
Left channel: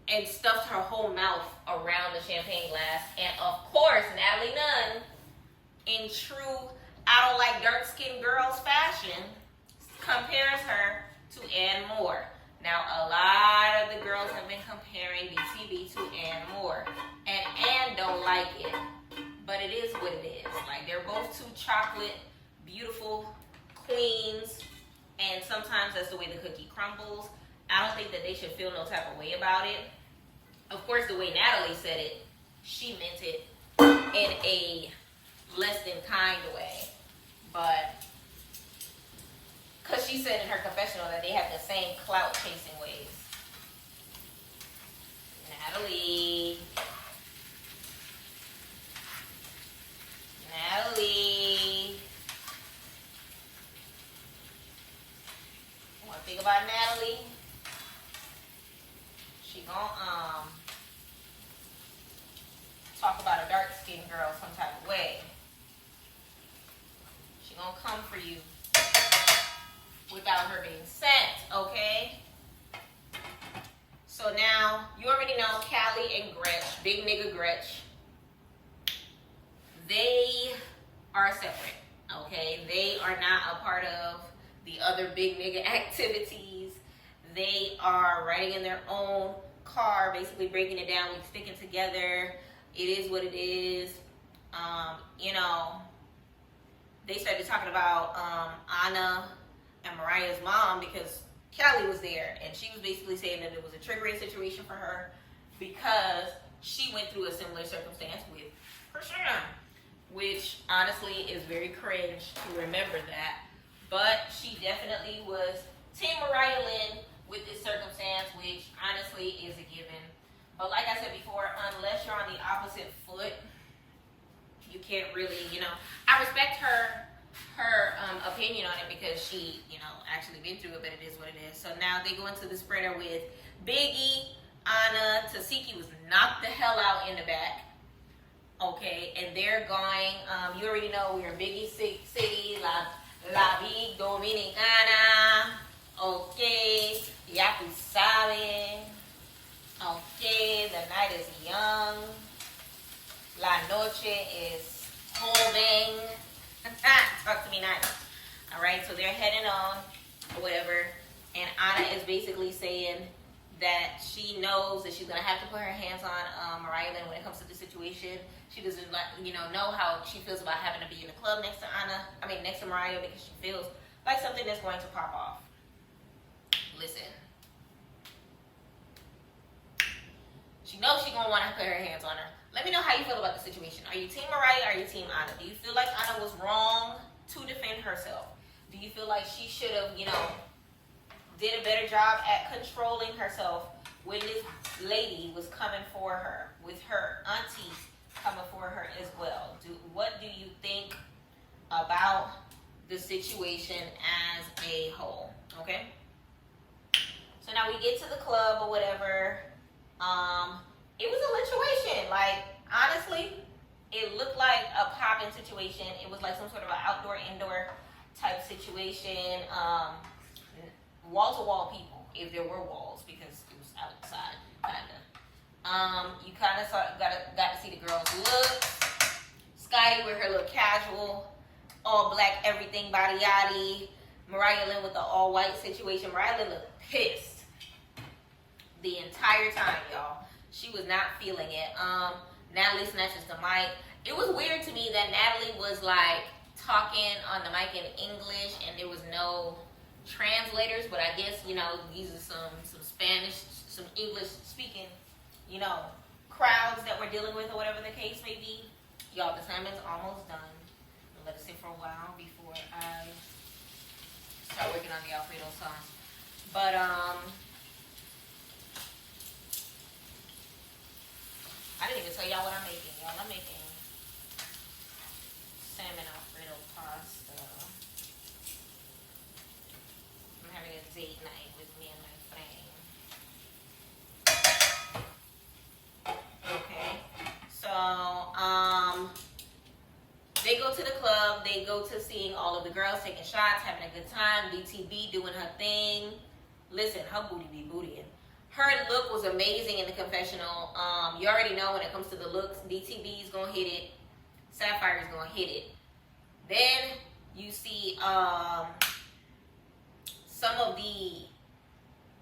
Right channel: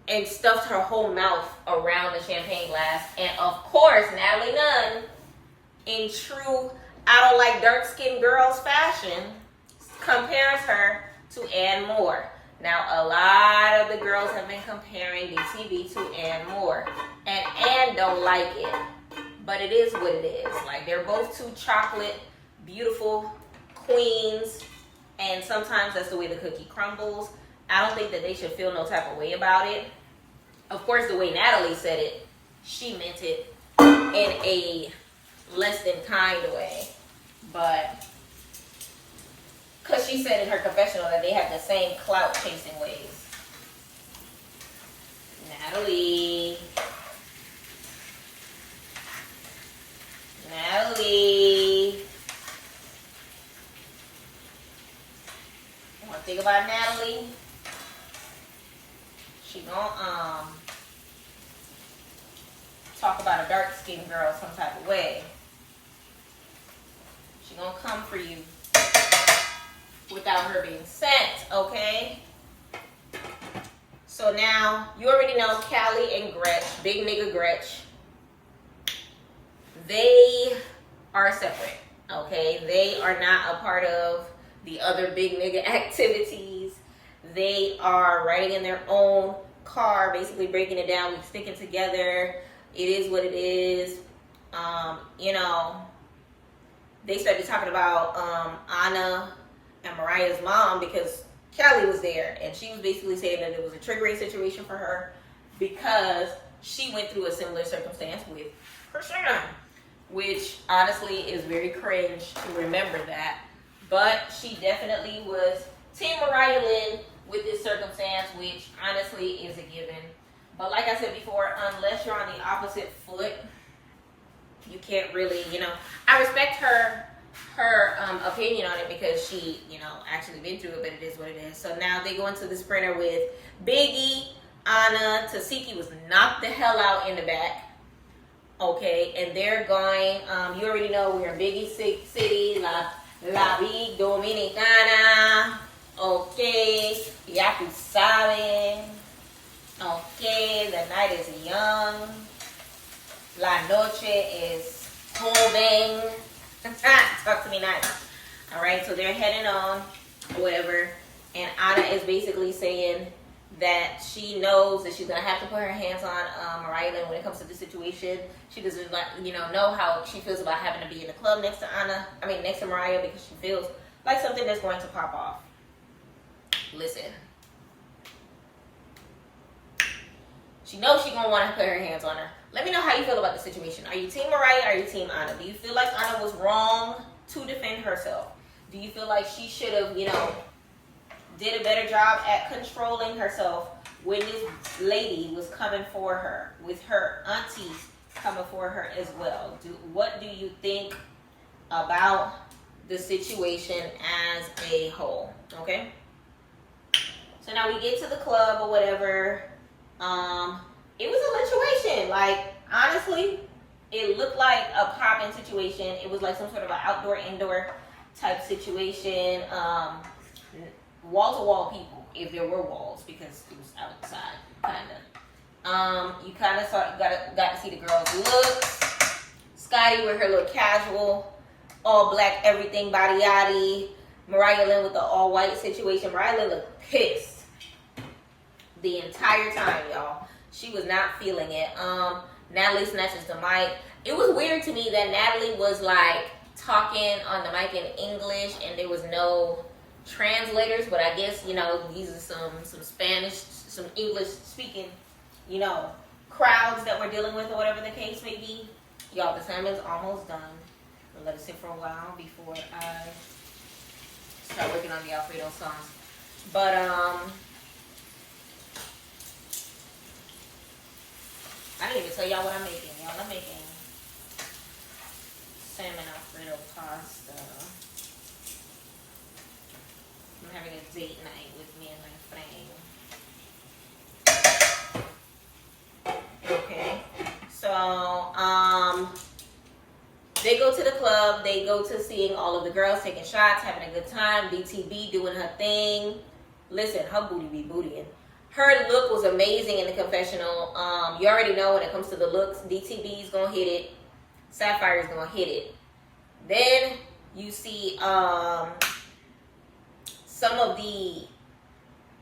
and stuffed her whole mouth around the champagne glass. And of course, Natalie Nunn, in true I don't like dark-skinned girls fashion, compares her to Ann Moore. Now, a lot of the girls have been comparing DTV to Ann Moore. And Ann don't like it. But it is what it is. Like, they're both two chocolate, beautiful queens. And sometimes that's the way the cookie crumbles. I don't think that they should feel no type of way about it. Of course, the way Natalie said it, she meant it in a less than kind way. But, because she said in her confessional that they have the same clout chasing ways. Natalie. One thing about Natalie, she gonna talk about a dark-skinned girl some type of way. She gonna come for you without her being sent, okay? So now, you already know Callie and Gretch, big nigga Gretch, they are separate, okay? They are not a part of the other big nigga activities. They are riding in their own car, basically breaking it down, we sticking together. It is what it is. You know, they started talking about Anna and Mariah's mom because Callie was there, and she was basically saying that it was a triggering situation for her because she went through a similar circumstance with her son, which honestly is very cringe to remember that. But she definitely was Team Mariah Lynn with this circumstance, which honestly is a given. But like I said before, unless you're on the opposite foot, you can't really, you know. I respect her opinion on it because she, you know, actually been through it, but it is what it is. So now they go into the sprinter with Biggie, Anna, Tasiki was knocked the hell out in the back. Okay, and they're going, you already know we're in Biggie City, La Vie Dominicana. Okay, ya tú sabes. Okay, the night is young. La noche is joven. Talk to me nice. Alright, so they're heading on, whatever. And Anna is basically saying that she knows that she's going to have to put her hands on Mariah Lynn when it comes to this situation. She doesn't, know how she feels about having to be in the club next to Mariah because she feels like something that's going to pop off. Listen. She knows she's going to want to put her hands on her. Let me know how you feel about the situation. Are you Team Mariah or are you Team Anna? Do you feel like Anna was wrong to defend herself? Do you feel like she should have, did a better job at controlling herself when this lady was coming for her, with her aunties coming for her as well? What do you think about the situation as a whole? Okay? So now we get to the club or whatever. It was a situation. Like, honestly, it looked like a popping situation. It was like some sort of an outdoor-indoor type situation. Wall-to-wall people, if there were walls, because it was outside, kind of. You kind of got to see the girls' looks. Scotty with her little casual, all black, everything, body yaddy. Mariah Lynn with the all white situation. Mariah Lynn looked pissed the entire time, y'all. She was not feeling it. Natalie snatches the mic. It was weird to me that Natalie was like talking on the mic in English and there was no translators, but I guess, you know, these are some Spanish, some English speaking, you know, crowds that we're dealing with or whatever the case may be. Y'all, the sermon's almost done. We'll let it sit for a while before I start working on the Alfredo sauce. But I didn't even tell y'all what I'm making. Y'all, I'm making salmon Alfredo pasta. I'm having a date night with me and my friend. Okay. So, they go to the club. They go to seeing all of the girls taking shots, having a good time. DTB doing her thing. Listen, her booty be bootying. Her look was amazing in the confessional. You already know when it comes to the looks, DTB's gonna hit it. Sapphire's gonna hit it. Then you see some of the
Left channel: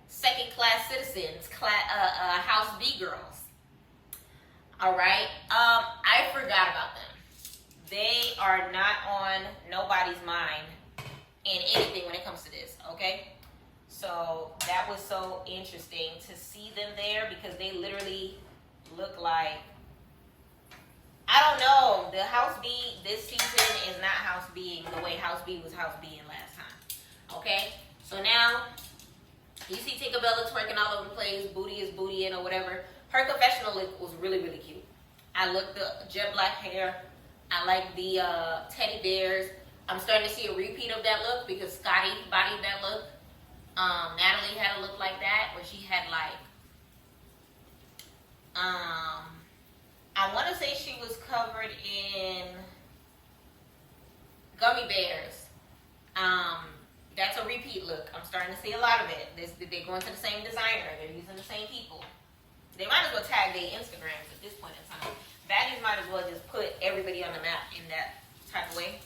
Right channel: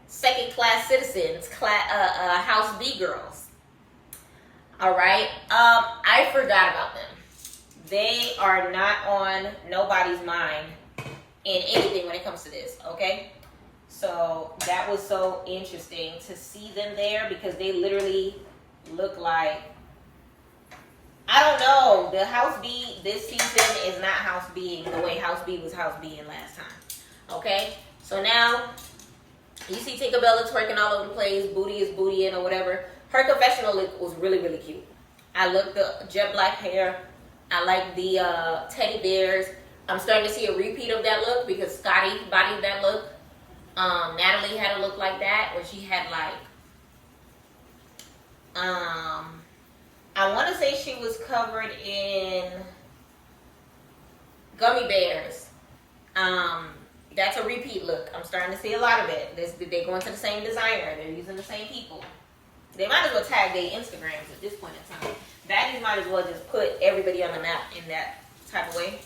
second-class citizens, House B girls. All right, I forgot about them. They are not on nobody's mind in anything when it comes to this. Okay. So that was so interesting to see them there because they literally look like, I don't know, the House B this season is not House B the way House B was House B in last time. Okay, so now you see Tinkerbella twerking all over the place, booty is booty in or whatever. Her confessional look was really, really cute. I looked the jet black hair. I like the teddy bears. I'm starting to see a repeat of that look because Scotty bodied that look. Natalie had a look like that where she had like, I want to say she was covered in gummy bears. That's a repeat look. I'm starting to see a lot of it. They're going to the same designer. They're using the same people. They might as well tag their Instagrams at this point in time. Baddies might as well just put everybody on the map in that type of way.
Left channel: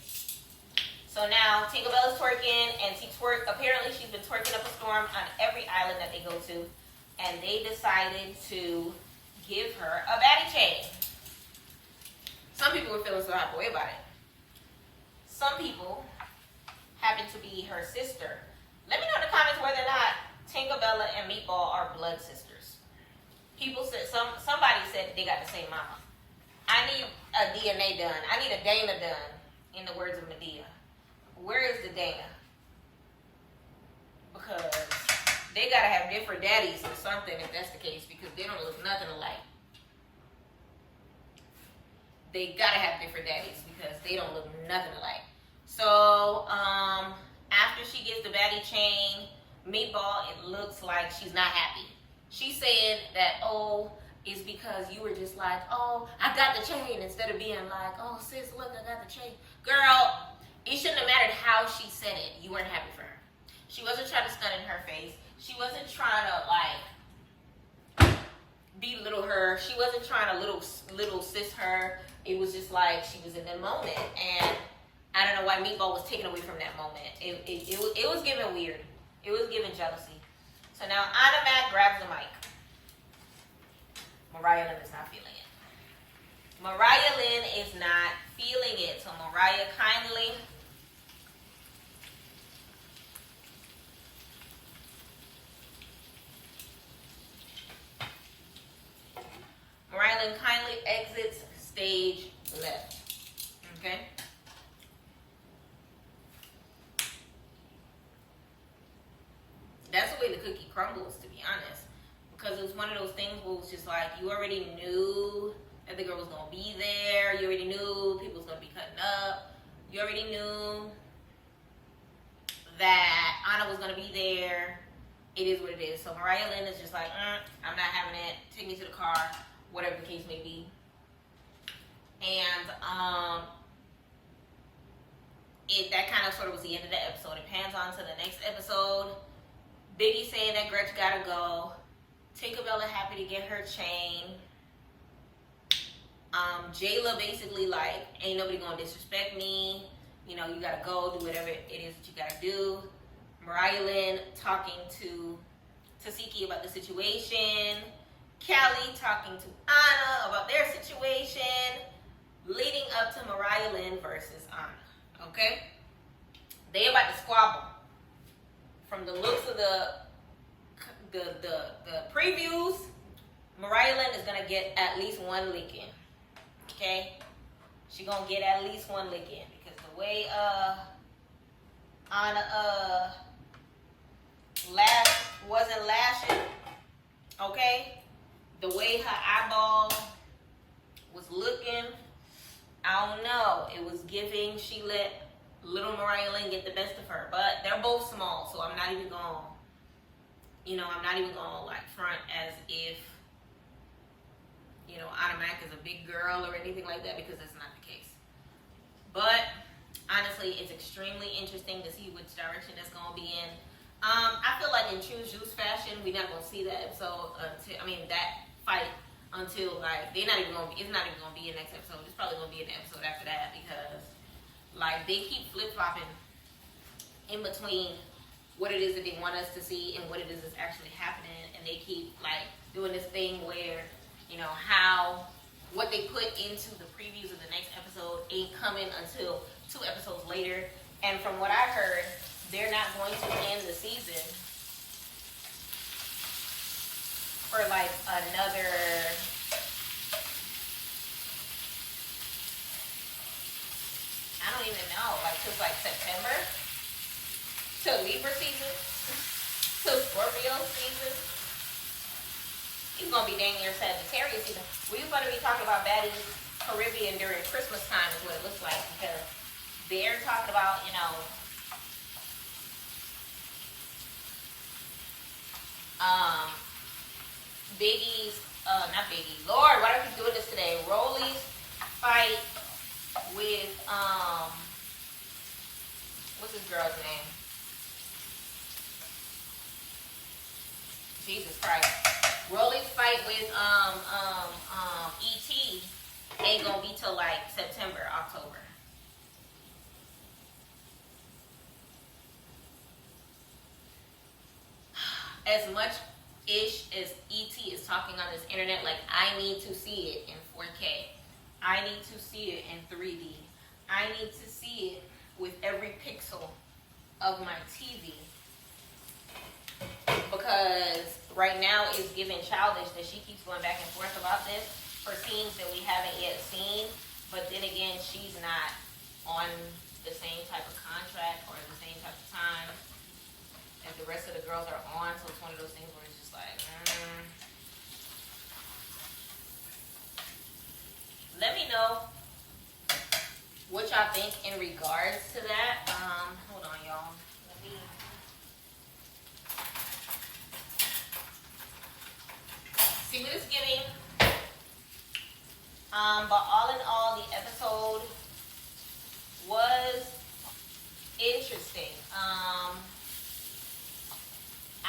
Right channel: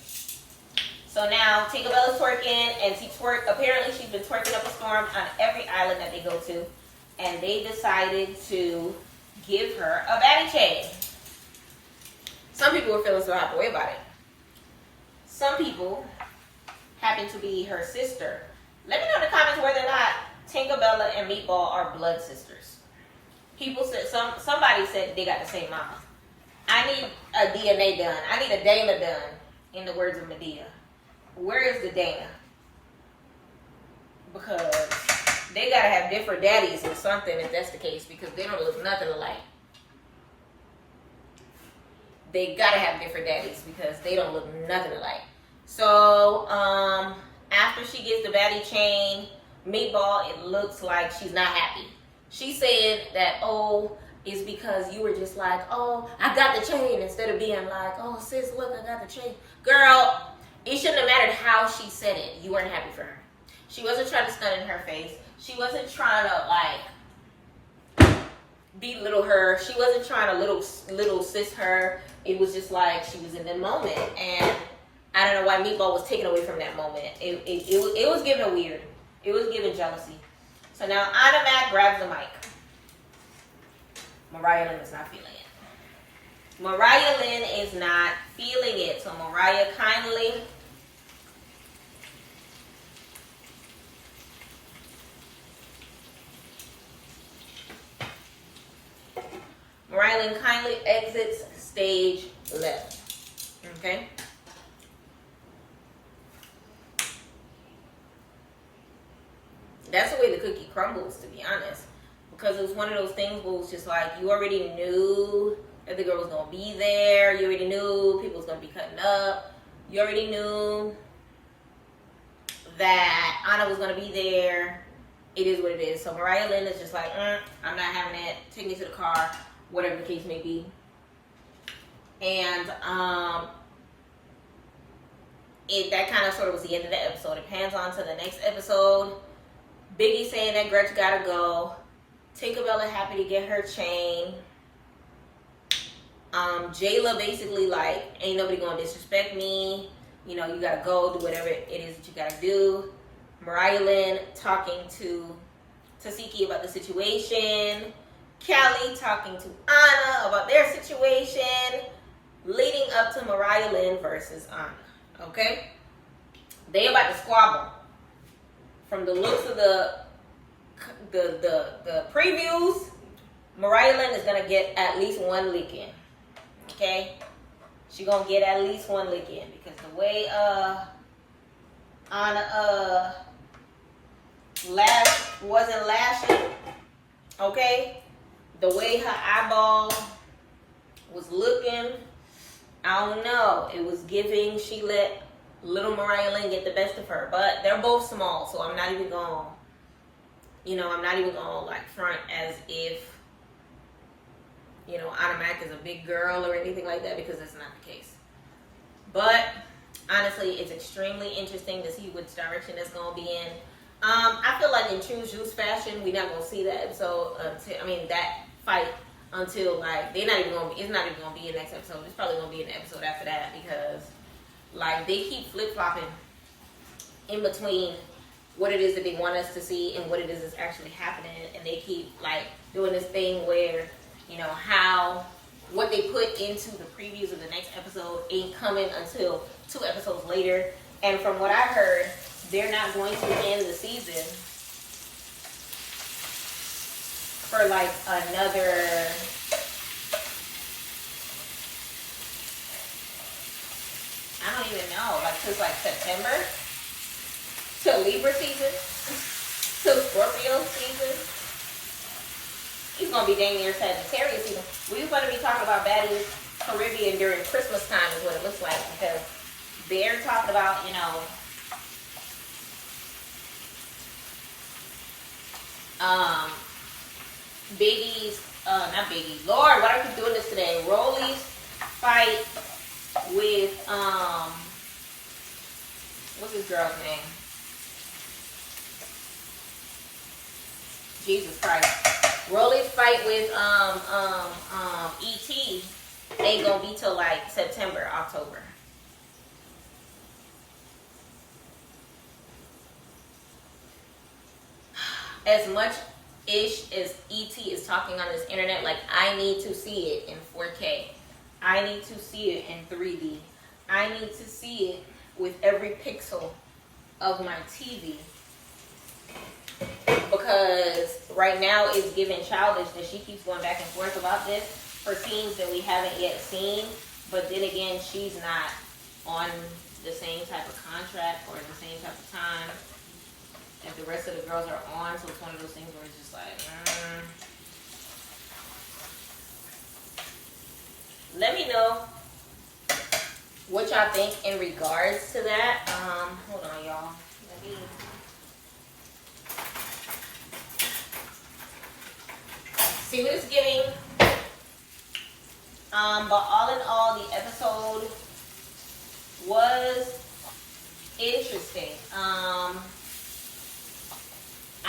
So now Tinkerbella's twerking, and apparently she's been twerking up a storm on every island that they go to, and they decided to give her a baddie chain. Some people were feeling so out the way about it. Some people happen to be her sister. Let me know in the comments whether or not Tinkerbella and Meatball are blood sisters. People said, somebody said they got the same mama. I need a DNA done. I need a Dana done, in the words of Medea. Where is the Dana? Because they gotta have different daddies or something if that's the case, because they don't look nothing alike. They gotta have different daddies because they don't look nothing alike. So after she gets the baddie chain, Meatball, it looks like she's not happy. She said that, oh, it's because you were just like, oh, I got the chain, instead of being like, oh, sis, look, I got the chain. Girl, it shouldn't have mattered how she said it. You weren't happy for her. She wasn't trying to stun in her face. She wasn't trying to, like, belittle her. She wasn't trying to little sis her. It was just like she was in the moment. And I don't know why Meatball was taken away from that moment. It was giving weird. It was giving jealousy. So now Anna Mac grabs the mic. Mariah Lynn is not feeling it. Mariah Lynn is not feeling it. So Mariah kindly exits stage left. Okay? That's the way the cookie crumbles, to be honest. Because it was one of those things where it was just like, you already knew that the girl was going to be there. You already knew people was going to be cutting up. You already knew that Anna was going to be there. It is what it is. So Mariah Lynn is just like, I'm not having it. Take me to the car. Whatever the case may be. And that kind of sort of was the end of the episode. It pans on to the next episode. Biggie saying that Gretchen gotta go. Tinkerbella happy to get her chain. Jayla basically like, ain't nobody gonna disrespect me. you know, you gotta go do whatever it is that you gotta do. Mariah Lynn talking to Cie about the situation. Callie talking to Anna about their situation, leading up to Mariah Lynn versus Anna. Okay? They about to squabble. From the looks of the previews, Mariah Lynn is gonna get at least one lick in. Okay? She gonna get at least one lick in because the way Anna wasn't lashing, okay? The way her eyeball was looking, I don't know. It was giving she let little Mariah Lynn get the best of her. But they're both small, so I'm not even gonna, I'm not even gonna like front as if, Anna Mac is a big girl or anything like that, because that's not the case. But honestly, it's extremely interesting to see which direction that's gonna be in. I feel like in true Zeus fashion, we're not gonna see that episode that fight until like it's not even gonna be in the next episode. It's probably gonna be in the episode after that, because like they keep flip flopping in between what it is that they want us to see and what it is that's actually happening, and they keep like doing this thing where what they put into the previews of the next episode ain't coming until 2 episodes later. And from what I heard, they're not going to end the season for like another I don't even know, like since like September till Libra season, till Scorpio season. He's gonna be dang near Sagittarius season. We're gonna be talking about Baddies Caribbean during Christmas time is what it looks like, because they're talking about, not Biggie's, Lord, why do I keep doing this today? Rolly's fight with, what's this girl's name? Jesus Christ. Rolly's fight with, E.T. ain't gonna be till like September, October. As much ish as E.T. is talking on this internet, like I need to see it in 4K. I need to see it in 3D. I need to see it with every pixel of my TV. Because right now it's giving childish that she keeps going back and forth about this for scenes that we haven't yet seen. But then again, she's not on the same type of contract or the same type of time that the rest of the girls are on. So it's one of those things where it's just like, Let me know what y'all think in regards to that. Hold on, y'all. See what it's giving. But all in all, the episode was interesting.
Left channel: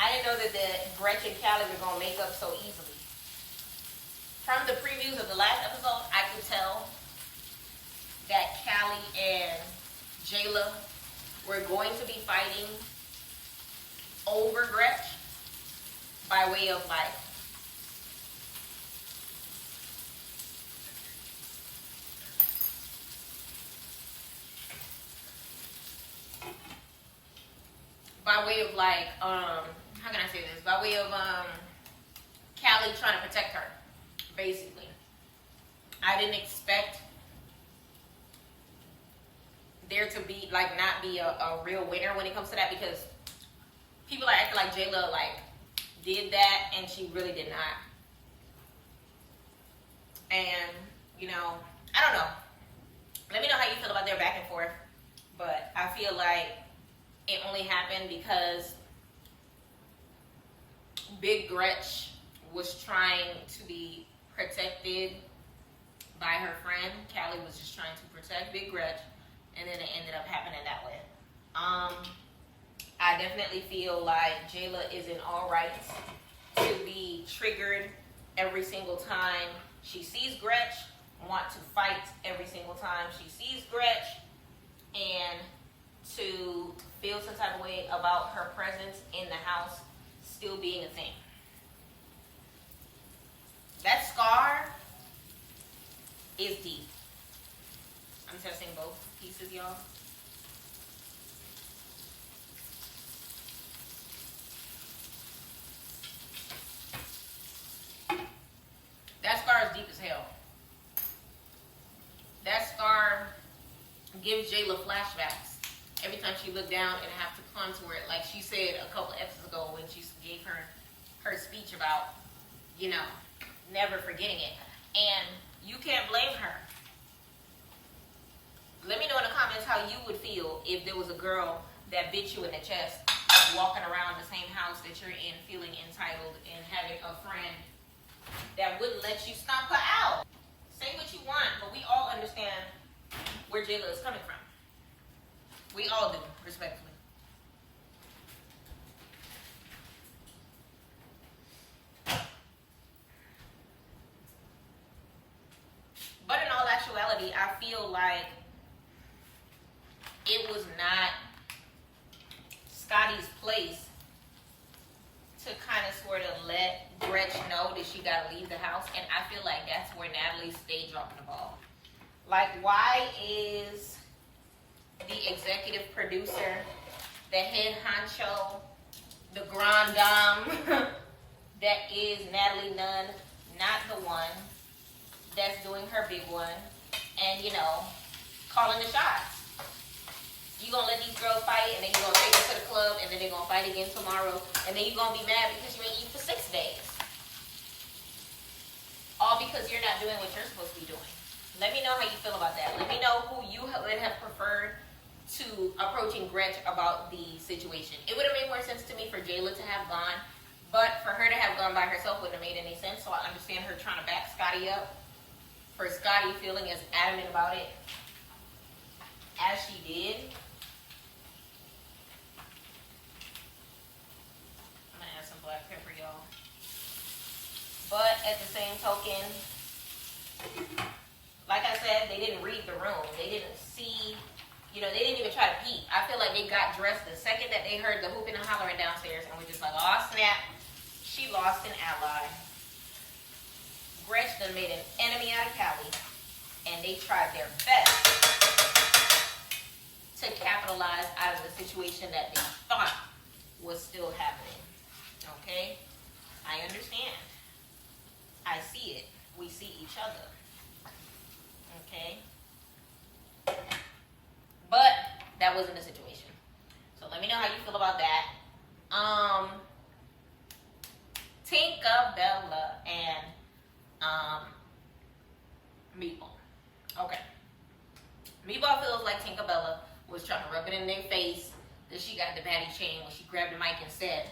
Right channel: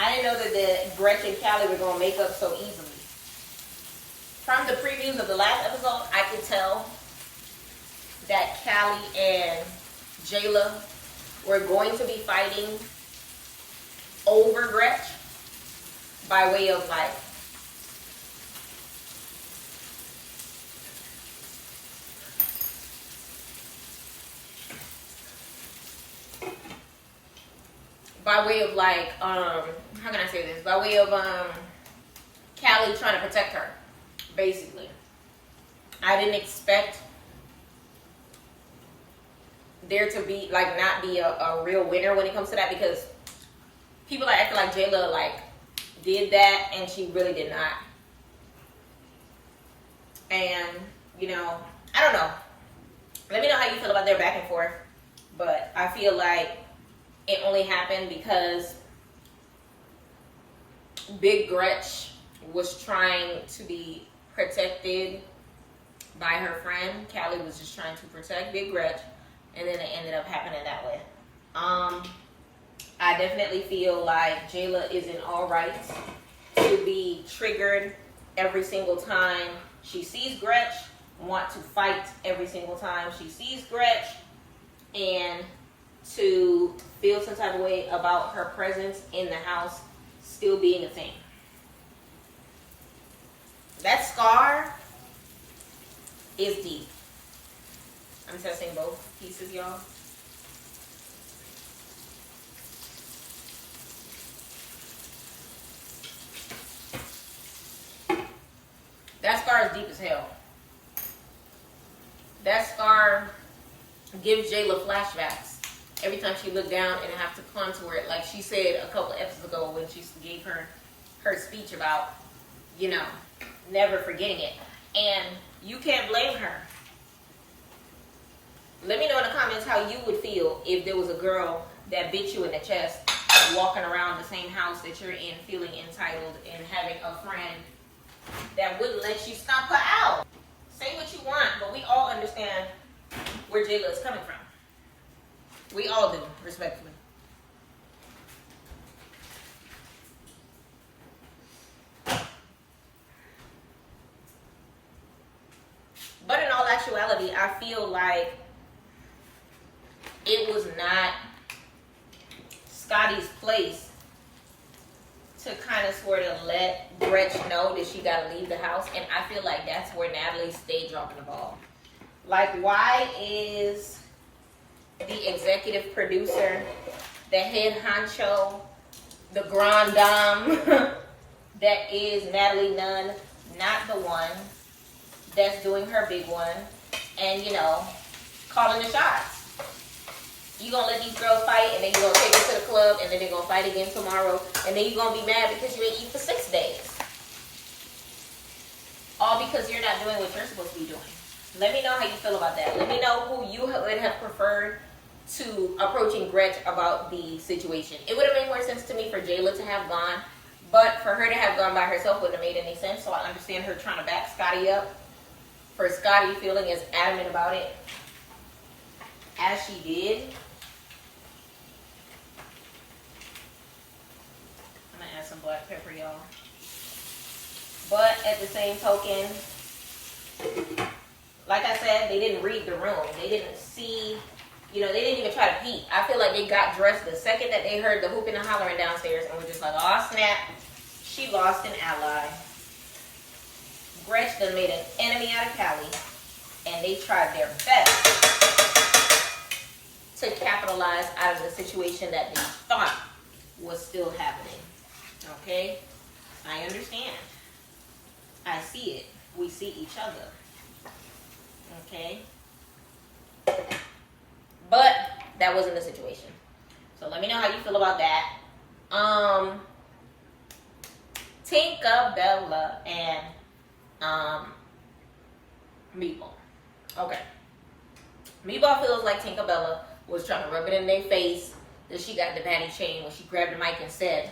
I didn't know that the Gretchen and Callie were going to make up so easily. From the previews of the last episode, I could tell that Callie and Jayla were going to be fighting over Gretch by way of like how can I say this? By way of Callie trying to protect her, basically. I didn't expect there to be not be a real winner when it comes to that, because people are acting like Jayla did that and she really did not. And I don't know. Let me know how you feel about their back and forth. But I feel like it only happened because Big Gretch was trying to be protected by her friend. Callie was just trying to protect Big Gretch, and then it ended up happening that way. I definitely feel like Jayla is in all rights to be triggered every single time she sees Gretch, want to fight every single time she sees Gretch, and to feel some type of way about her presence in the house still being a thing. That scar is deep. I'm testing both pieces, y'all. That scar is deep as hell. That scar gives Jayla flashbacks every time she looked down and have to contour it. Like she said a couple of episodes ago when she gave her speech about, you know, never forgetting it. And you can't blame her. Let me know in the comments how you would feel if there was a girl that bit you in the chest walking around the same house that you're in, feeling entitled and having a friend that wouldn't let you stomp her out. Say what you want, but we all understand where Jayla is coming from. We all do, respectfully. But in all actuality, I feel like it was not Scotty's place to kind of sort of let Gretchen know that she got to leave the house. And I feel like that's where Natalie stayed dropping the ball. Like, why is the executive producer, the head honcho, the grand dame that is Natalie Nunn, not the one that's doing her big one and, you know, calling the shots? You gonna let these girls fight and then you gonna take them to the club and then they're gonna fight again tomorrow and then you're gonna be mad because you ain't eat for 6 days. All because you're not doing what you're supposed to be doing. Let me know how you feel about that. Let me know who you would have preferred to approaching Gretchen about the situation. It would have made more sense to me for Jayla to have gone, but for her to have gone by herself wouldn't have made any sense. So I understand her trying to back Scotty up. For Scotty feeling as adamant about it as she did. I'm gonna add some black pepper, y'all. But at the same token, like I said, they didn't read the room. They didn't see, you know, they didn't even try to peek. I feel like they got dressed the second that they heard the hooping and hollering downstairs and were just like, oh snap, she lost an ally. Gretchen made an enemy out of Callie, and they tried their best to capitalize out of the situation that they thought was still happening. Okay? I understand. I see it. We see each other. Okay? But that wasn't the situation. So let me know how you feel about that. Tinkerbella and Meatball. Okay. Meatball feels like Tinkerbella was trying to rub it in their face that she got the baddie chain when she grabbed the mic and said,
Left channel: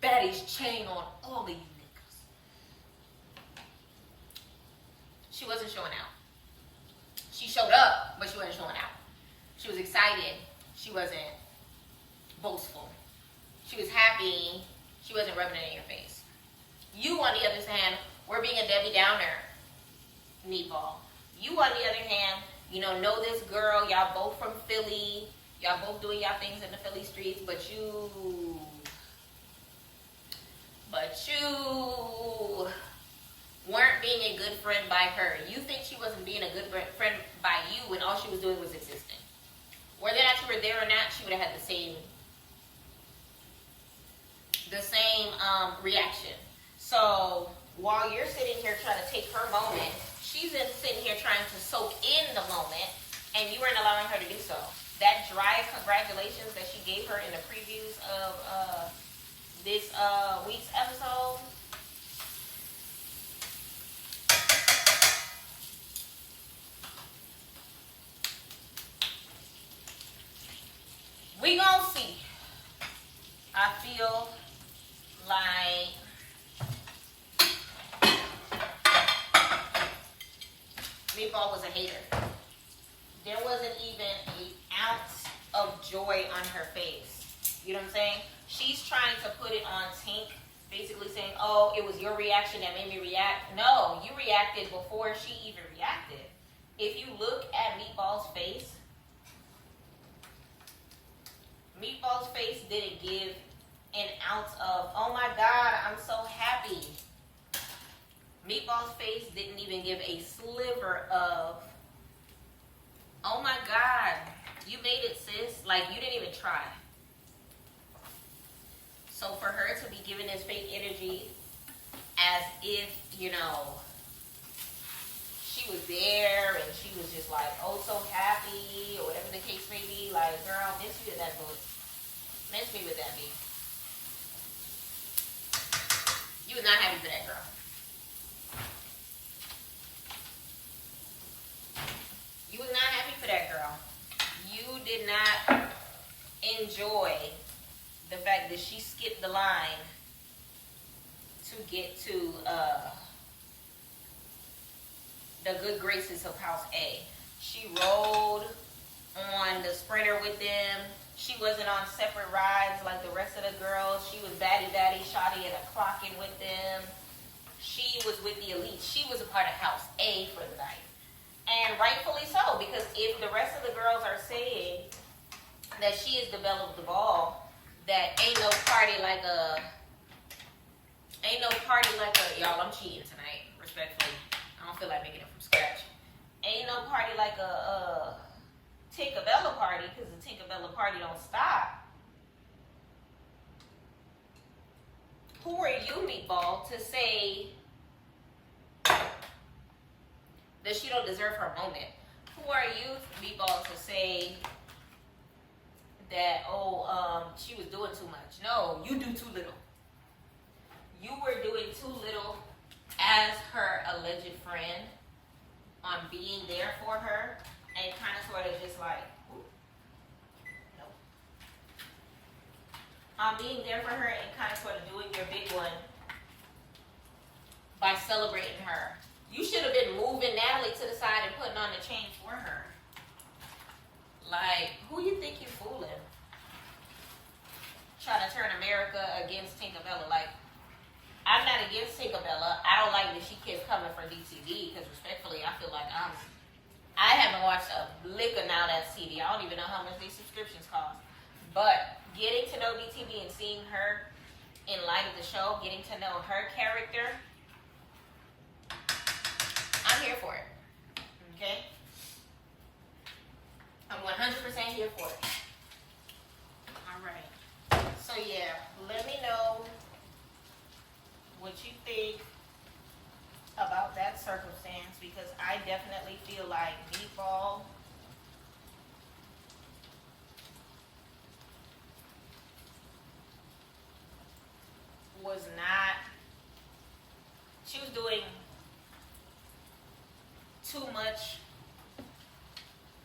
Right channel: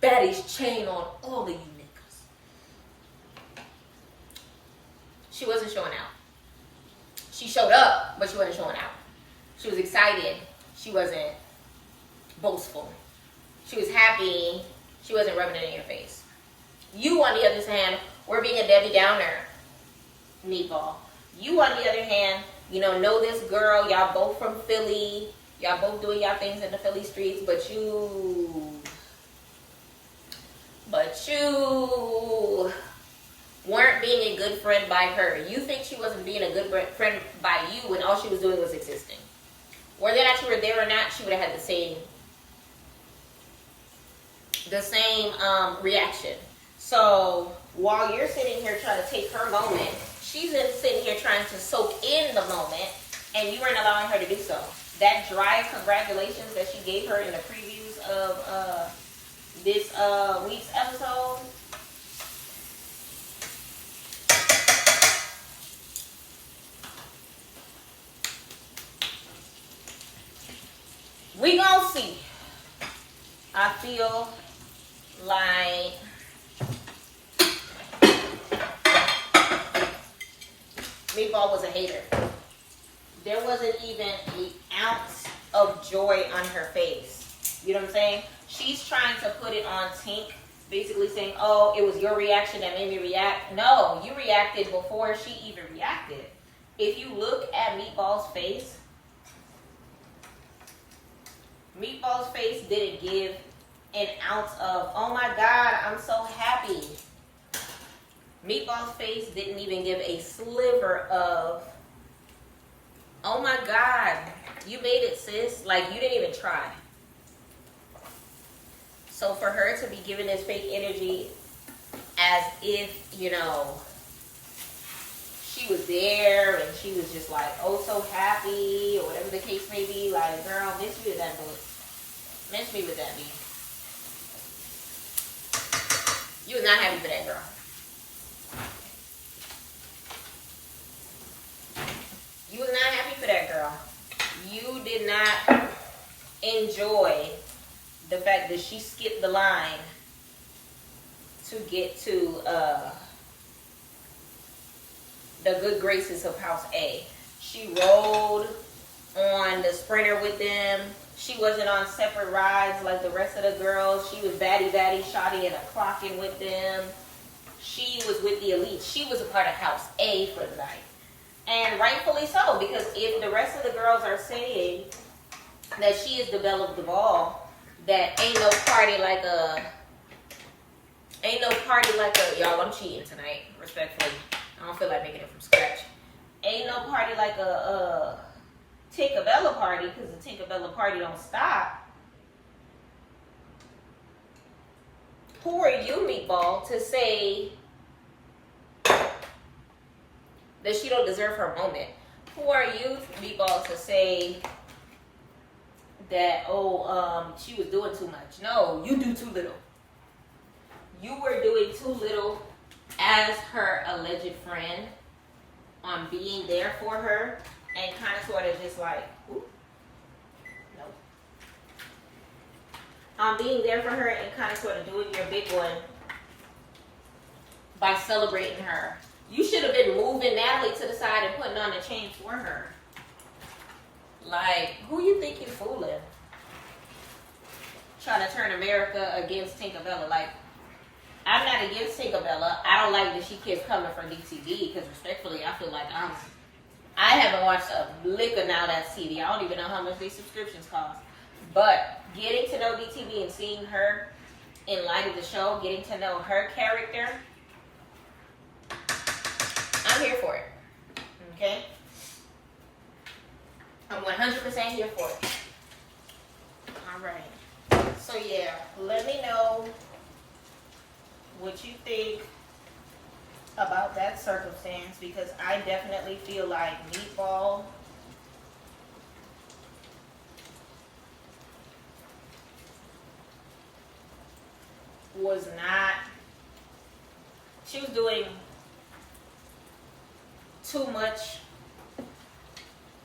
"Baddie's chain on all of you niggas." She wasn't showing out. She showed up, but she wasn't showing out. She was excited. She wasn't boastful. She was happy. She wasn't rubbing it in your face. You, on the other hand, were being a Debbie Downer, Meatball. You, on the other hand, you know this girl. Y'all both from Philly. Y'all both doing y'all things in the Philly streets, but you weren't being a good friend by her. You think she wasn't being a good friend by you when all she was doing was existing. Whether or not you were there or not, she would have had the same reaction. So while you're sitting here trying to take her moment, she's sitting here trying to soak in the moment, and you weren't allowing her to do so. That dry congratulations that she gave her in the previews of this week's episode, we gonna see. I feel like Meatball was a hater. There wasn't even an ounce of joy on her face. You know what I'm saying? She's trying to put it on Tink, basically saying, oh, it was your reaction that made me react. No, you reacted before she even reacted. If you look at Meatball's face, Meatball's face didn't give an ounce of, oh my God, I'm so happy. Meatball's face didn't even give a sliver of, oh my God, you made it, sis. Like, you didn't even try. So for her to be giving this fake energy as if, you know, she was there and she was just like, oh, so happy, or whatever the case may be, like, girl, miss me with that book. Miss me with that, B. You was not happy for that girl. You was not happy for that girl. You did not enjoy the fact that she skipped the line to get to the good graces of House A. She rode on the Sprinter with them. She wasn't on separate rides like the rest of the girls. She was baddie, shawty, and a clocking with them. She was with the elites. She was a part of House A for the night. And rightfully so, because if the rest of the girls are saying that she is the belle of the ball, that ain't no party like a, y'all, I'm cheating tonight, respectfully. I don't feel like making it from scratch. Ain't no party like a Tinkerbella party, because the Tinkerbella party don't stop. Who are you, Meatball, to say that she don't deserve her moment? Who are you, Meatball, to say that, she was doing too much? No, you do too little. You were doing too little as her alleged friend on being there for her and kind of sort of just like, nope. On being there for her and kind of sort of doing your big one by celebrating her. You should have been moving Natalie to the side and putting on the chain for her. Like, who you think you're fooling? Trying to turn America against Tinkerbella. Like, I'm not against Tinkerbella. I don't like that she keeps coming for DTV because respectfully, I feel like I haven't watched a lick of Now That's TV. I don't even know how much these subscriptions cost. But getting to know DTV and seeing her in light of the show, getting to know her character, I'm here for it. Okay? I'm 100% here for it. Alright. So yeah, let me know what you think about that circumstance, because I definitely feel like Meatball was not, she was doing too much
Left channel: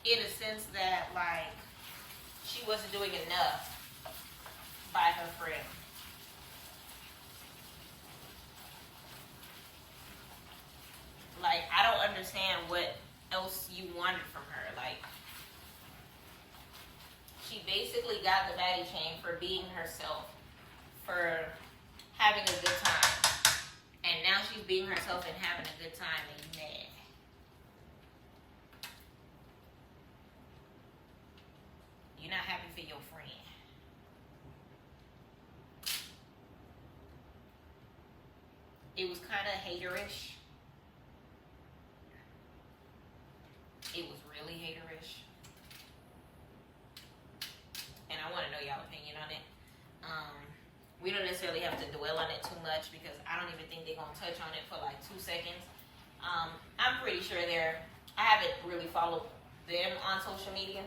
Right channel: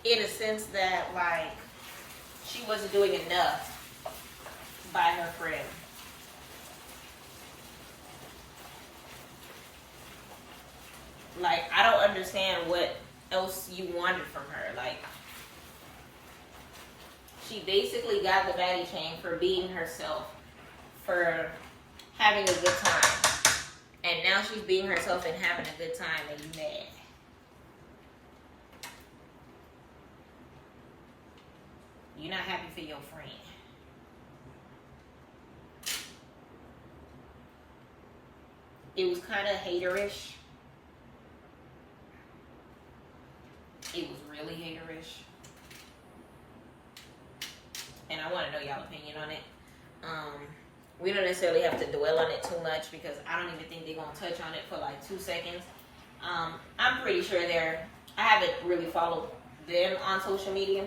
in a sense that, like, she wasn't doing enough by her friend. Like, I don't understand what else you wanted from her. Like, she basically got the baddie chain for being herself, for having a good time. And now she's being herself and having a good time, and you mad. You're not happy for your friend. It was kind of haterish. It was really haterish. And I want to know y'all's opinion on it. We don't necessarily have to dwell on it too much because I don't even think they're going to touch on it for like 2 seconds. I'm pretty sure I haven't really followed them on social media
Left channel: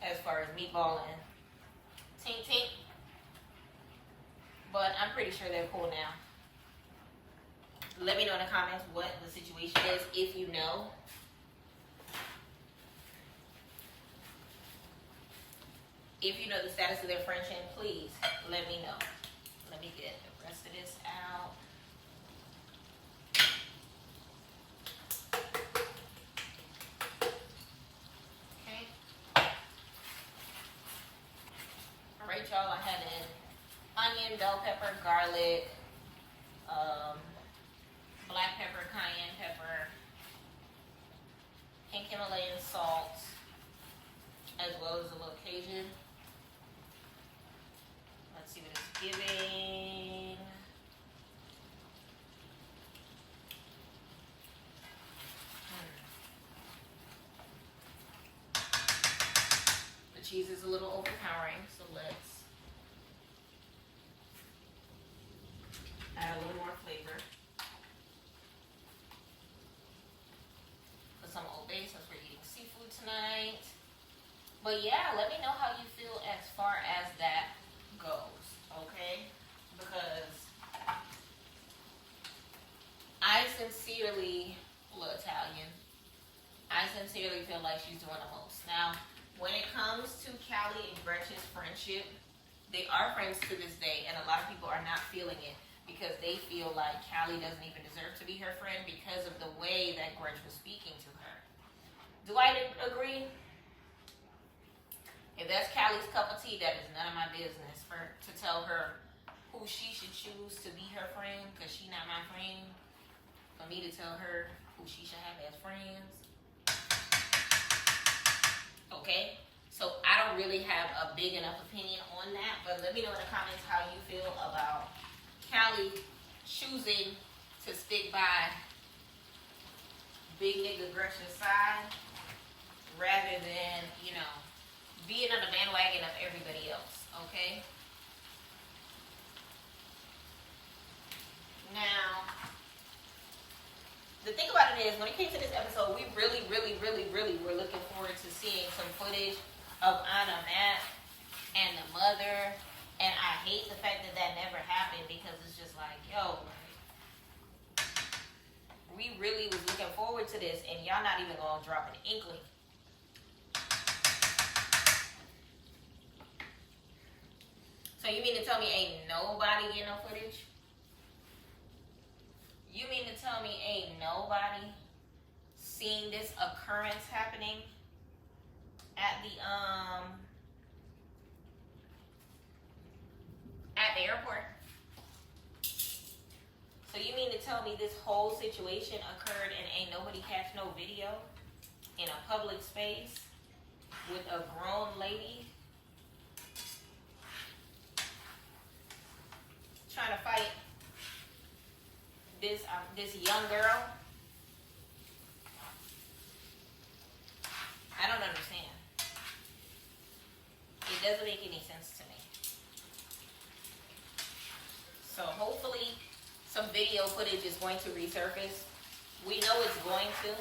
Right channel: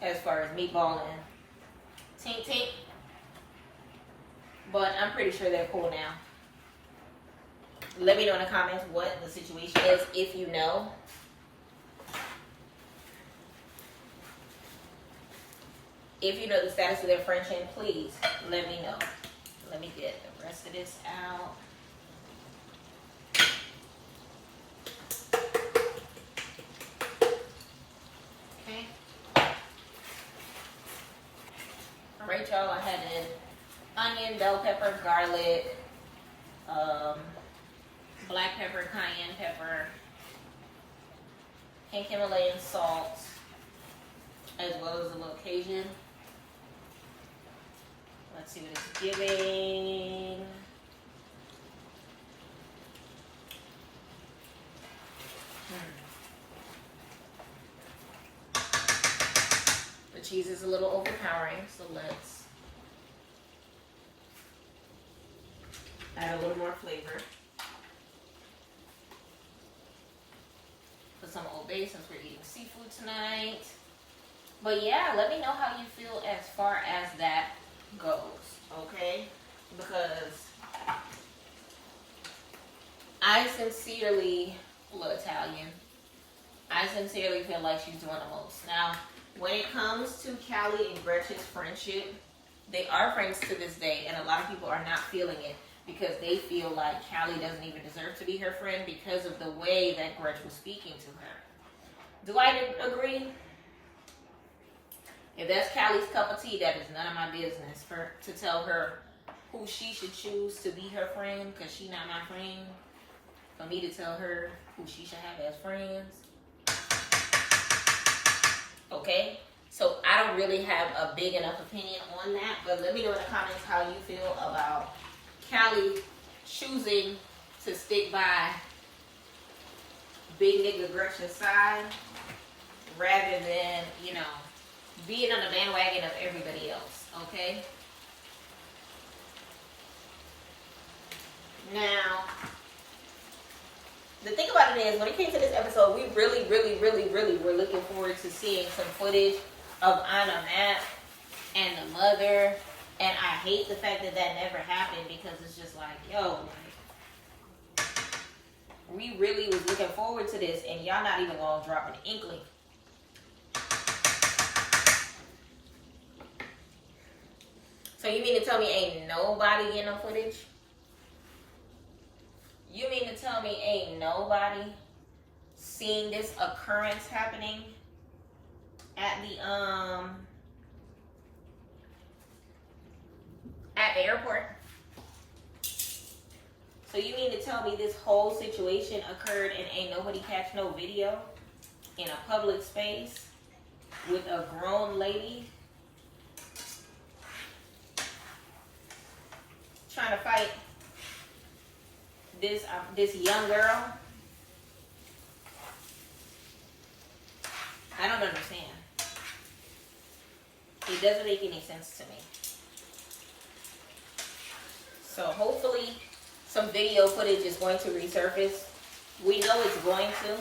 as far as Meatball and Tink Tink. But I'm pretty sure they're cool now. Let me know in the comments what the situation is if you know. If you know the status of their friendship, please let me know. Let me get the rest of this out. Okay. All right, y'all. I had an onion, bell pepper, garlic, black pepper, cayenne pepper, pink Himalayan salt, as well as a little Cajun Let's see what it's giving. The cheese is a little overpowering, so let's add a little more flavor. Put some Old Bay since we're eating seafood tonight. But yeah, let me know how you feel as far as that goes, okay? Because I sincerely, Italian, I sincerely feel like she's doing the most. Now, when it comes to Callie and Gretchen's friendship, they are friends to this day, and a lot of people are not feeling it because they feel like Callie doesn't even deserve to be her friend because of the way that Gretchen was speaking to her. Do I agree? If that's Callie's cup of tea, that is none of my business to tell her who she should choose to be her friend, because she's not my friend. For me to tell her who she should have as friends. Okay? So I don't really have a big enough opinion on that, but let me know in the comments how you feel about Callie choosing to stick by big nigga Gretchen's side rather than, you know, being on the bandwagon of everybody else, okay? Now, the thing about it is, when it came to this episode, we really were looking forward to seeing some footage of Anna Matt and the mother, and I hate the fact that that never happened because it's just like, yo, like, we really was looking forward to this, and y'all not even gonna drop an inkling. So you mean to tell me ain't nobody getting no footage? You mean to tell me ain't nobody seeing this occurrence happening at the airport? So you mean to tell me this whole situation occurred and ain't nobody catch no video in a public space with a grown lady trying to fight this young girl? I don't understand. It doesn't make any sense to me. So hopefully some video footage is going to resurface. We know it's going to,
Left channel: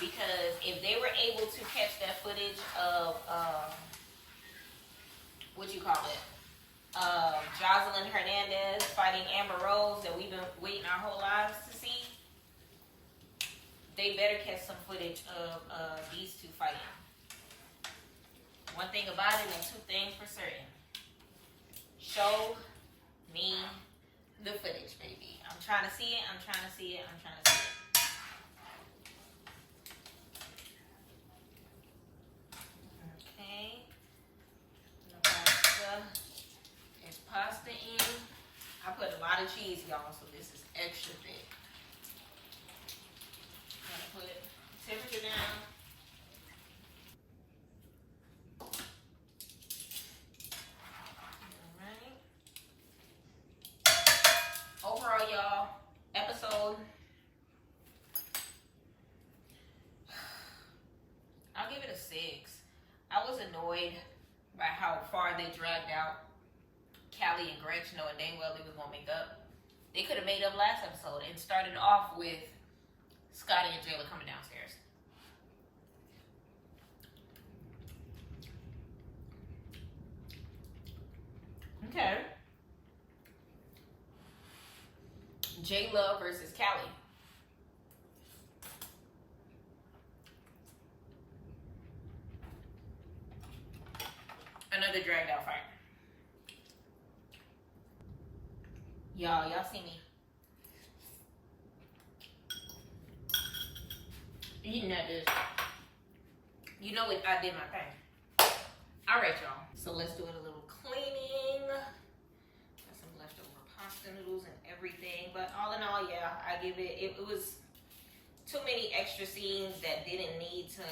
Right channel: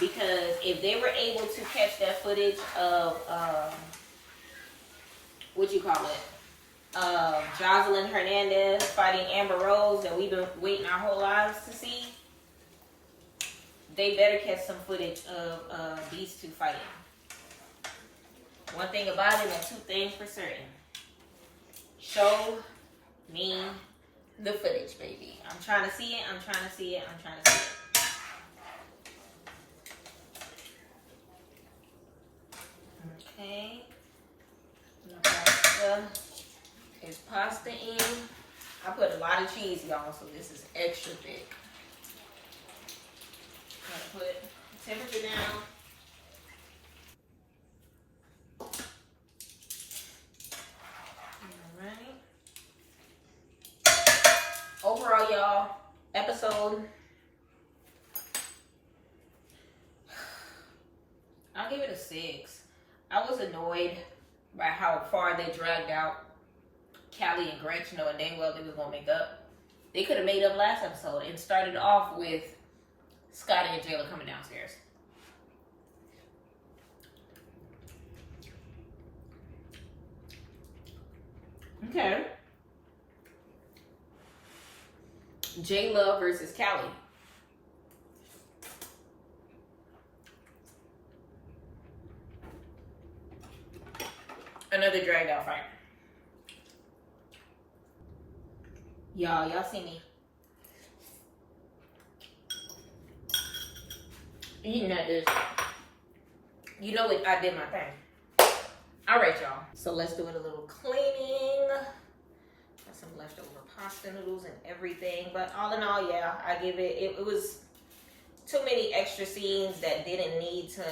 because if they were able to catch that footage of Jocelyn Hernandez fighting Amber Rose that we've been waiting our whole lives to see, they better catch some footage of these two fighting. One thing about it and two things for certain. Show me the footage, baby. I'm trying to see it. I'm trying to see it. I'm trying to see it. Okay. Pasta is pasta in. I put a lot of cheese, y'all, so this is extra thick. I'm gonna put temperature down. Overall, y'all, episode, I'll give it a 6. I was annoyed by how far they dragged out Callie and Gretchen, knowing dang well they was gonna make up. They could have made up last episode and started off with Scotty and Jayla coming downstairs. Okay. J-Love versus Callie. Another dragged out fight. Y'all see me eating at this. You know it, I did my thing. Alright, y'all. So let's do it a little cleaning. Got some leftover pasta noodles and everything. But all in all, yeah, I give it, it was too many extra scenes that didn't need to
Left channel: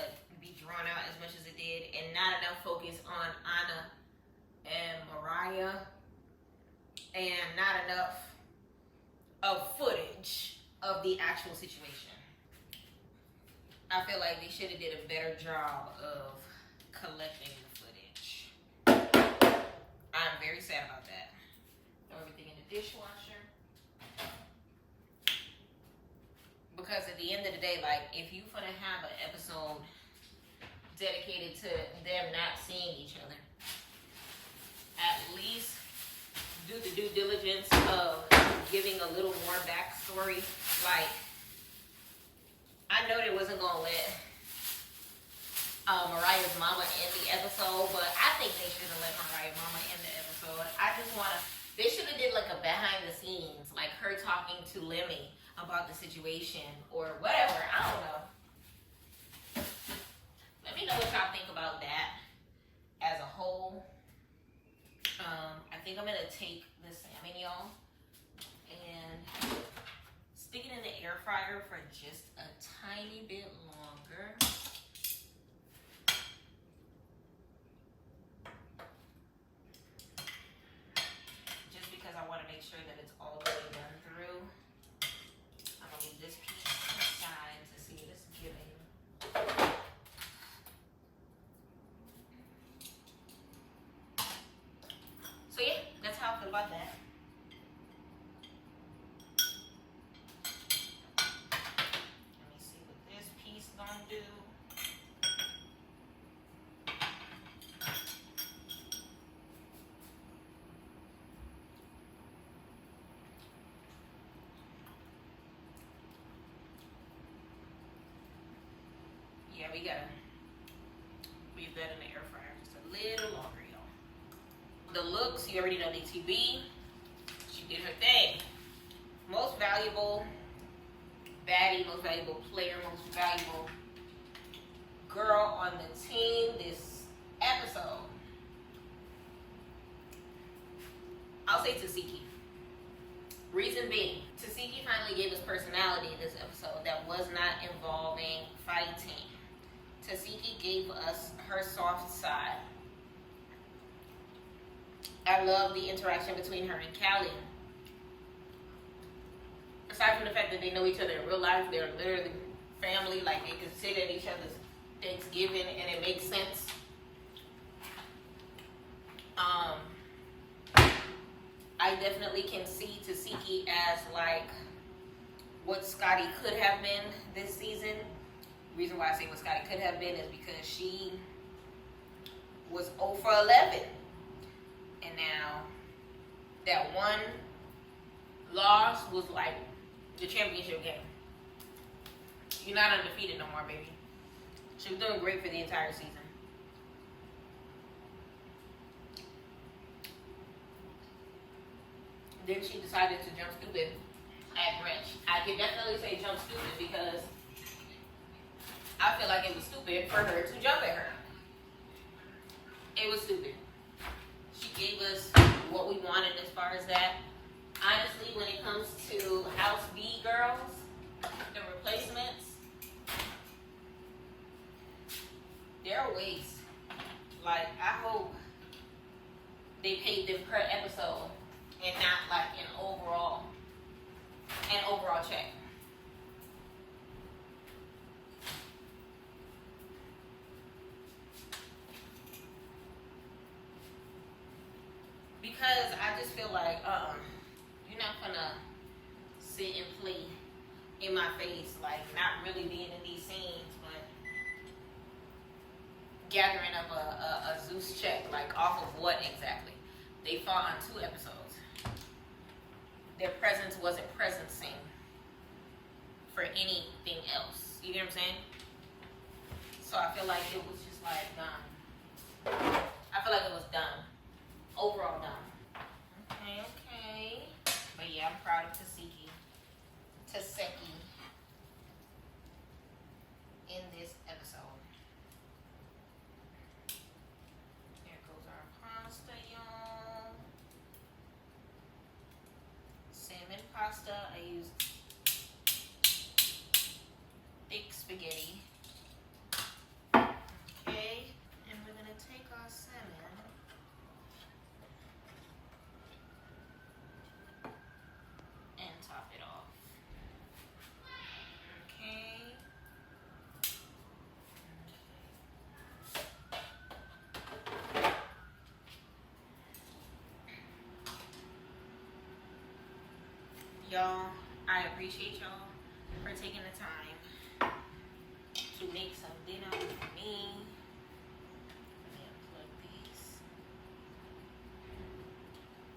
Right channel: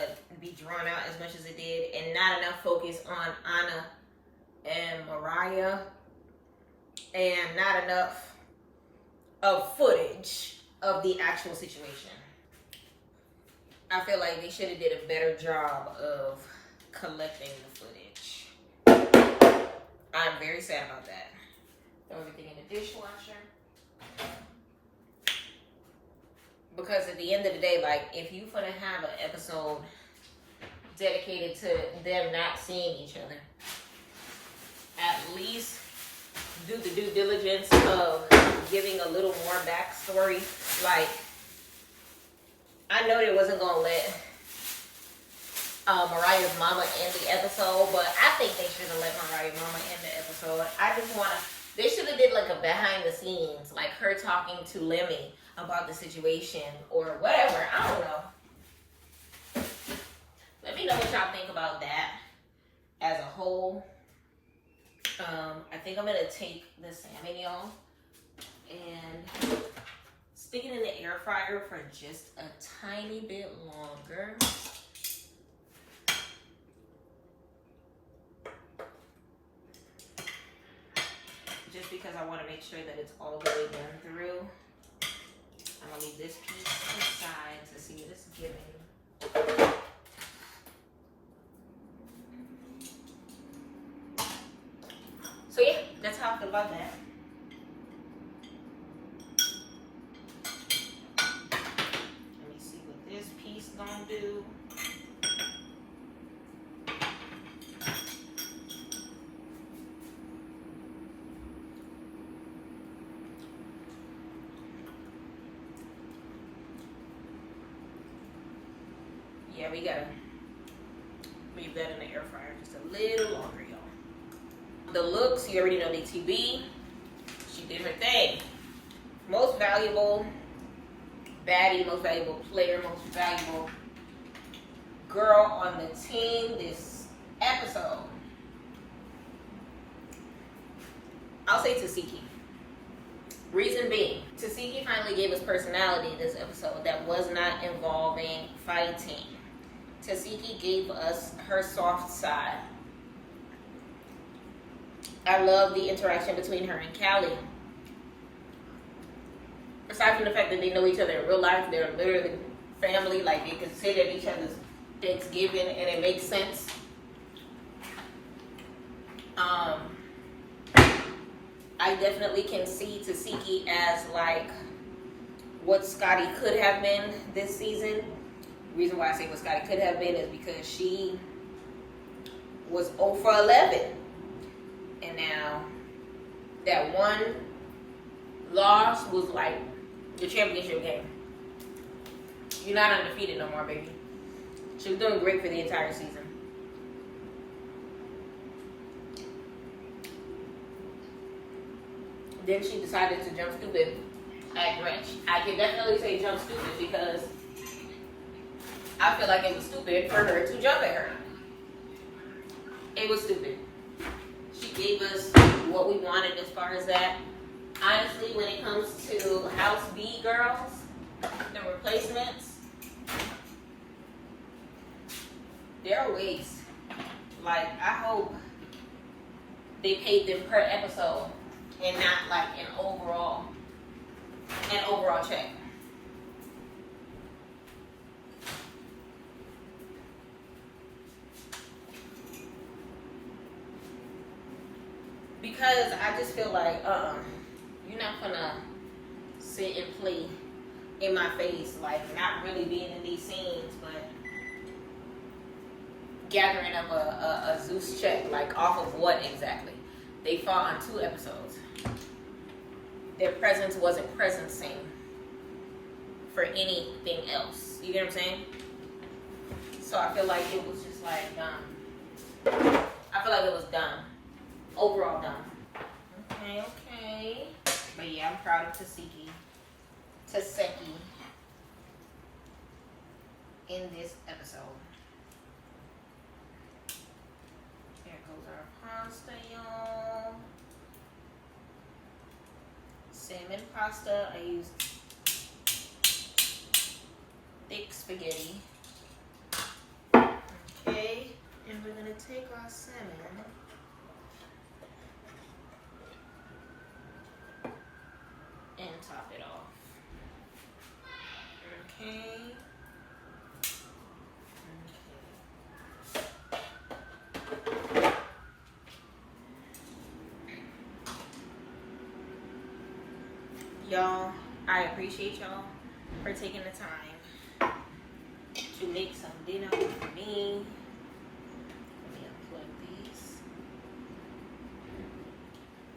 be drawn out as much as it did. And not enough focus on Anna and Mariah and not enough of footage of the actual situation. I feel like they should have did a better job of collecting the footage. I'm very sad about that. Throw everything in the dishwasher. Because at the end of the day, like, if you gonna have an episode dedicated to them not seeing each other, at least do the due diligence of giving a little more backstory. Like, I know they wasn't gonna let Mariah's mama end the episode, but I think they should have let Mariah's mama end the episode. I just wanna, they should have did like a behind the scenes, like her talking to Lemmy about the situation or whatever. I don't know. Let me know what y'all think about that as a whole. I think I'm gonna take the salmon, y'all, and stick it in the air fryer for just a tiny bit longer. Just because I want to make sure that it's all the way done through. I'm gonna leave this piece aside to see what it's giving. So yeah, that's how I feel about that. Let me see what this piece gonna do. Yeah, we gotta leave that in the air fryer just a little longer, y'all. The looks, you already know the TV. She did her thing. Most valuable baddie, most valuable player, most valuable girl on the team this episode. I'll say Cie. Reason being, Cie finally gave us personality this episode that was not involving fighting. Cie gave us her soft side. I love the interaction between her and Callie. Aside from the fact that they know each other in real life, they're literally family, like they can sit at each other's Thanksgiving and it makes sense. I definitely can see Cie as like what Scotty could have been this season. The reason why I say what Scotty could have been is because she was 0 for 11. And now that one loss was like the championship game. You're not undefeated no more, baby. She was doing great for the entire season. Then she decided to jump stupid at Gretch. I can definitely say jump stupid because I feel like it was stupid for her to jump at her. It was stupid. She gave us what we wanted as far as that. Honestly, when it comes to House B girls, the replacements, they're a waste. Like, I hope they paid them per episode and not like an overall check. Because I just feel like you're not gonna sit and play in my face, like not really being in these scenes, but gathering up a Zeus check, like off of what exactly? They fought on 2 episodes. Their presence wasn't presencing for anything else. You get what I'm saying? So I feel like it was just like done. I feel like it was done. Overall done. Okay. But yeah, I'm proud of Taseki in this episode. Here goes our pasta, y'all. Salmon pasta. I used thick spaghetti. Okay. And we're gonna take our salmon Y'all, I appreciate y'all for taking the time to make some dinner for me. Let me unplug these.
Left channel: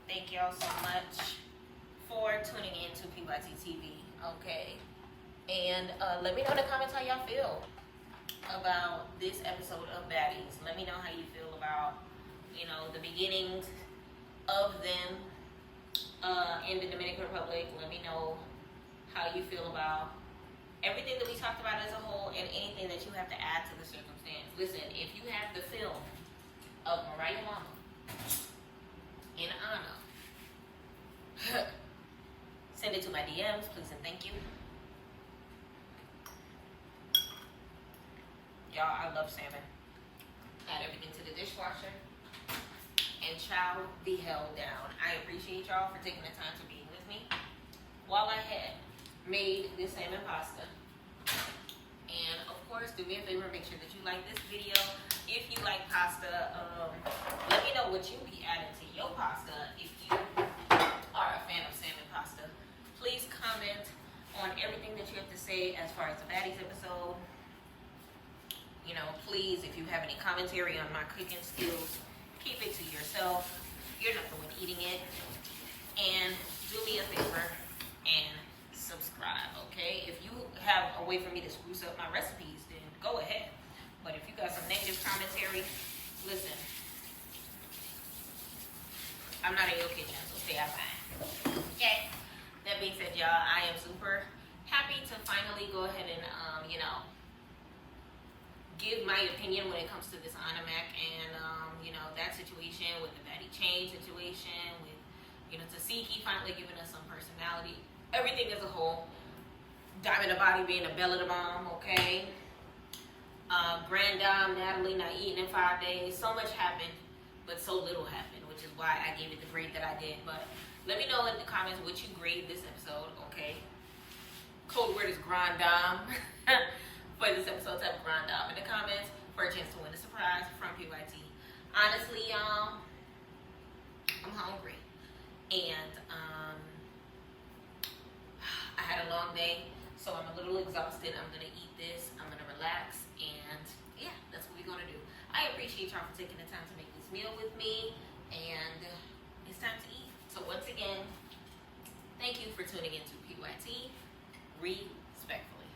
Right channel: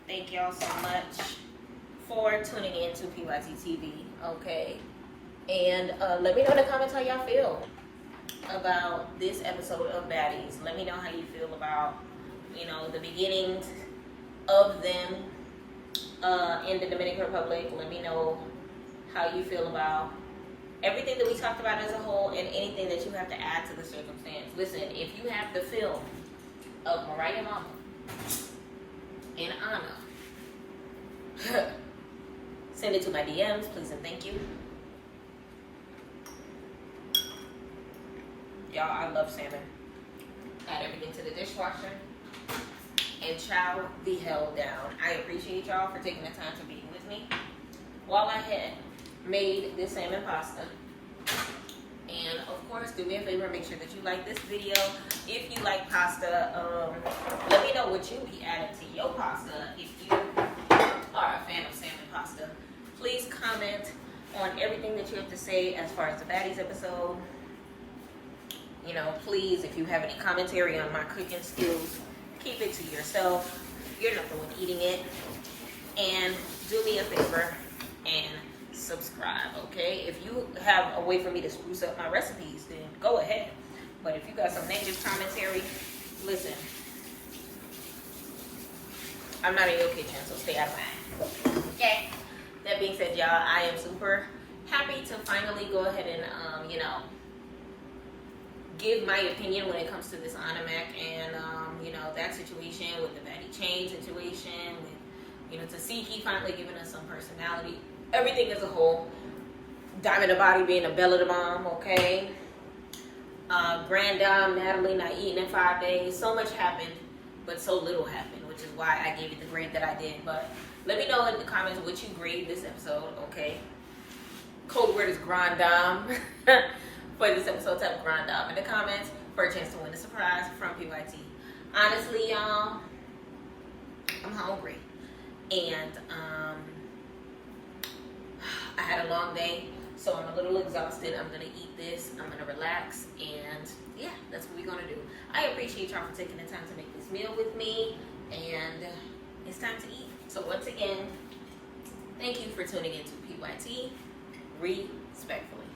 Thank y'all so much for tuning in to PYT TV, okay? And let me know in the comments how y'all feel about this episode of Baddies. Let me know how you feel about, you know, the beginnings of them in the Dominican Republic. Let me know how you feel about everything that we talked about as a whole and anything that you have to add to the circumstance. Listen, if you have the film of Mariah Mama and Anna, send it to my DMs, please and thank you. Y'all, I love salmon. Add everything to the dishwasher and chow the hell down. I appreciate y'all for taking the time to be with me while I had made this salmon pasta. And of course, do me a favor, make sure that you like this video. If you like pasta, let me know what you be adding to your pasta. If you are a fan of salmon pasta, please comment on everything that you have to say as far as the Baddies episode. You know, please, if you have any commentary on my cooking skills, keep it to yourself. You're not the one eating it. And do me a favor and subscribe, okay? If you have a way for me to spruce up my recipes, then go ahead. But if you got some negative commentary, listen, I'm not in your kitchen, so stay out of mine. Okay? That being said, y'all, I am super happy to finally go ahead and, you know, give my opinion when it comes to this Animac and, you know, that situation with the Baddie Chain situation, with, you know, Tasiki finally giving us some personality. Everything as a whole. Diamond the Body being a belle of the bomb, okay? Grand Dame, Natalie not eating in 5 days. So much happened, but so little happened, which is why I gave it the grade that I did. But let me know in the comments what you grade this episode, okay? Code word is Grand Dame. For this episode, type Grand Dame in the comments for a chance to win a surprise from PYT. Honestly, y'all, I'm hungry. And I had a long day, so I'm a little exhausted. I'm going to eat this. I'm going to relax. And yeah, that's what we're going to do. I appreciate y'all for taking the time to make this meal with me. And it's time to eat. So once again, thank you for tuning in to PYT. Respectfully.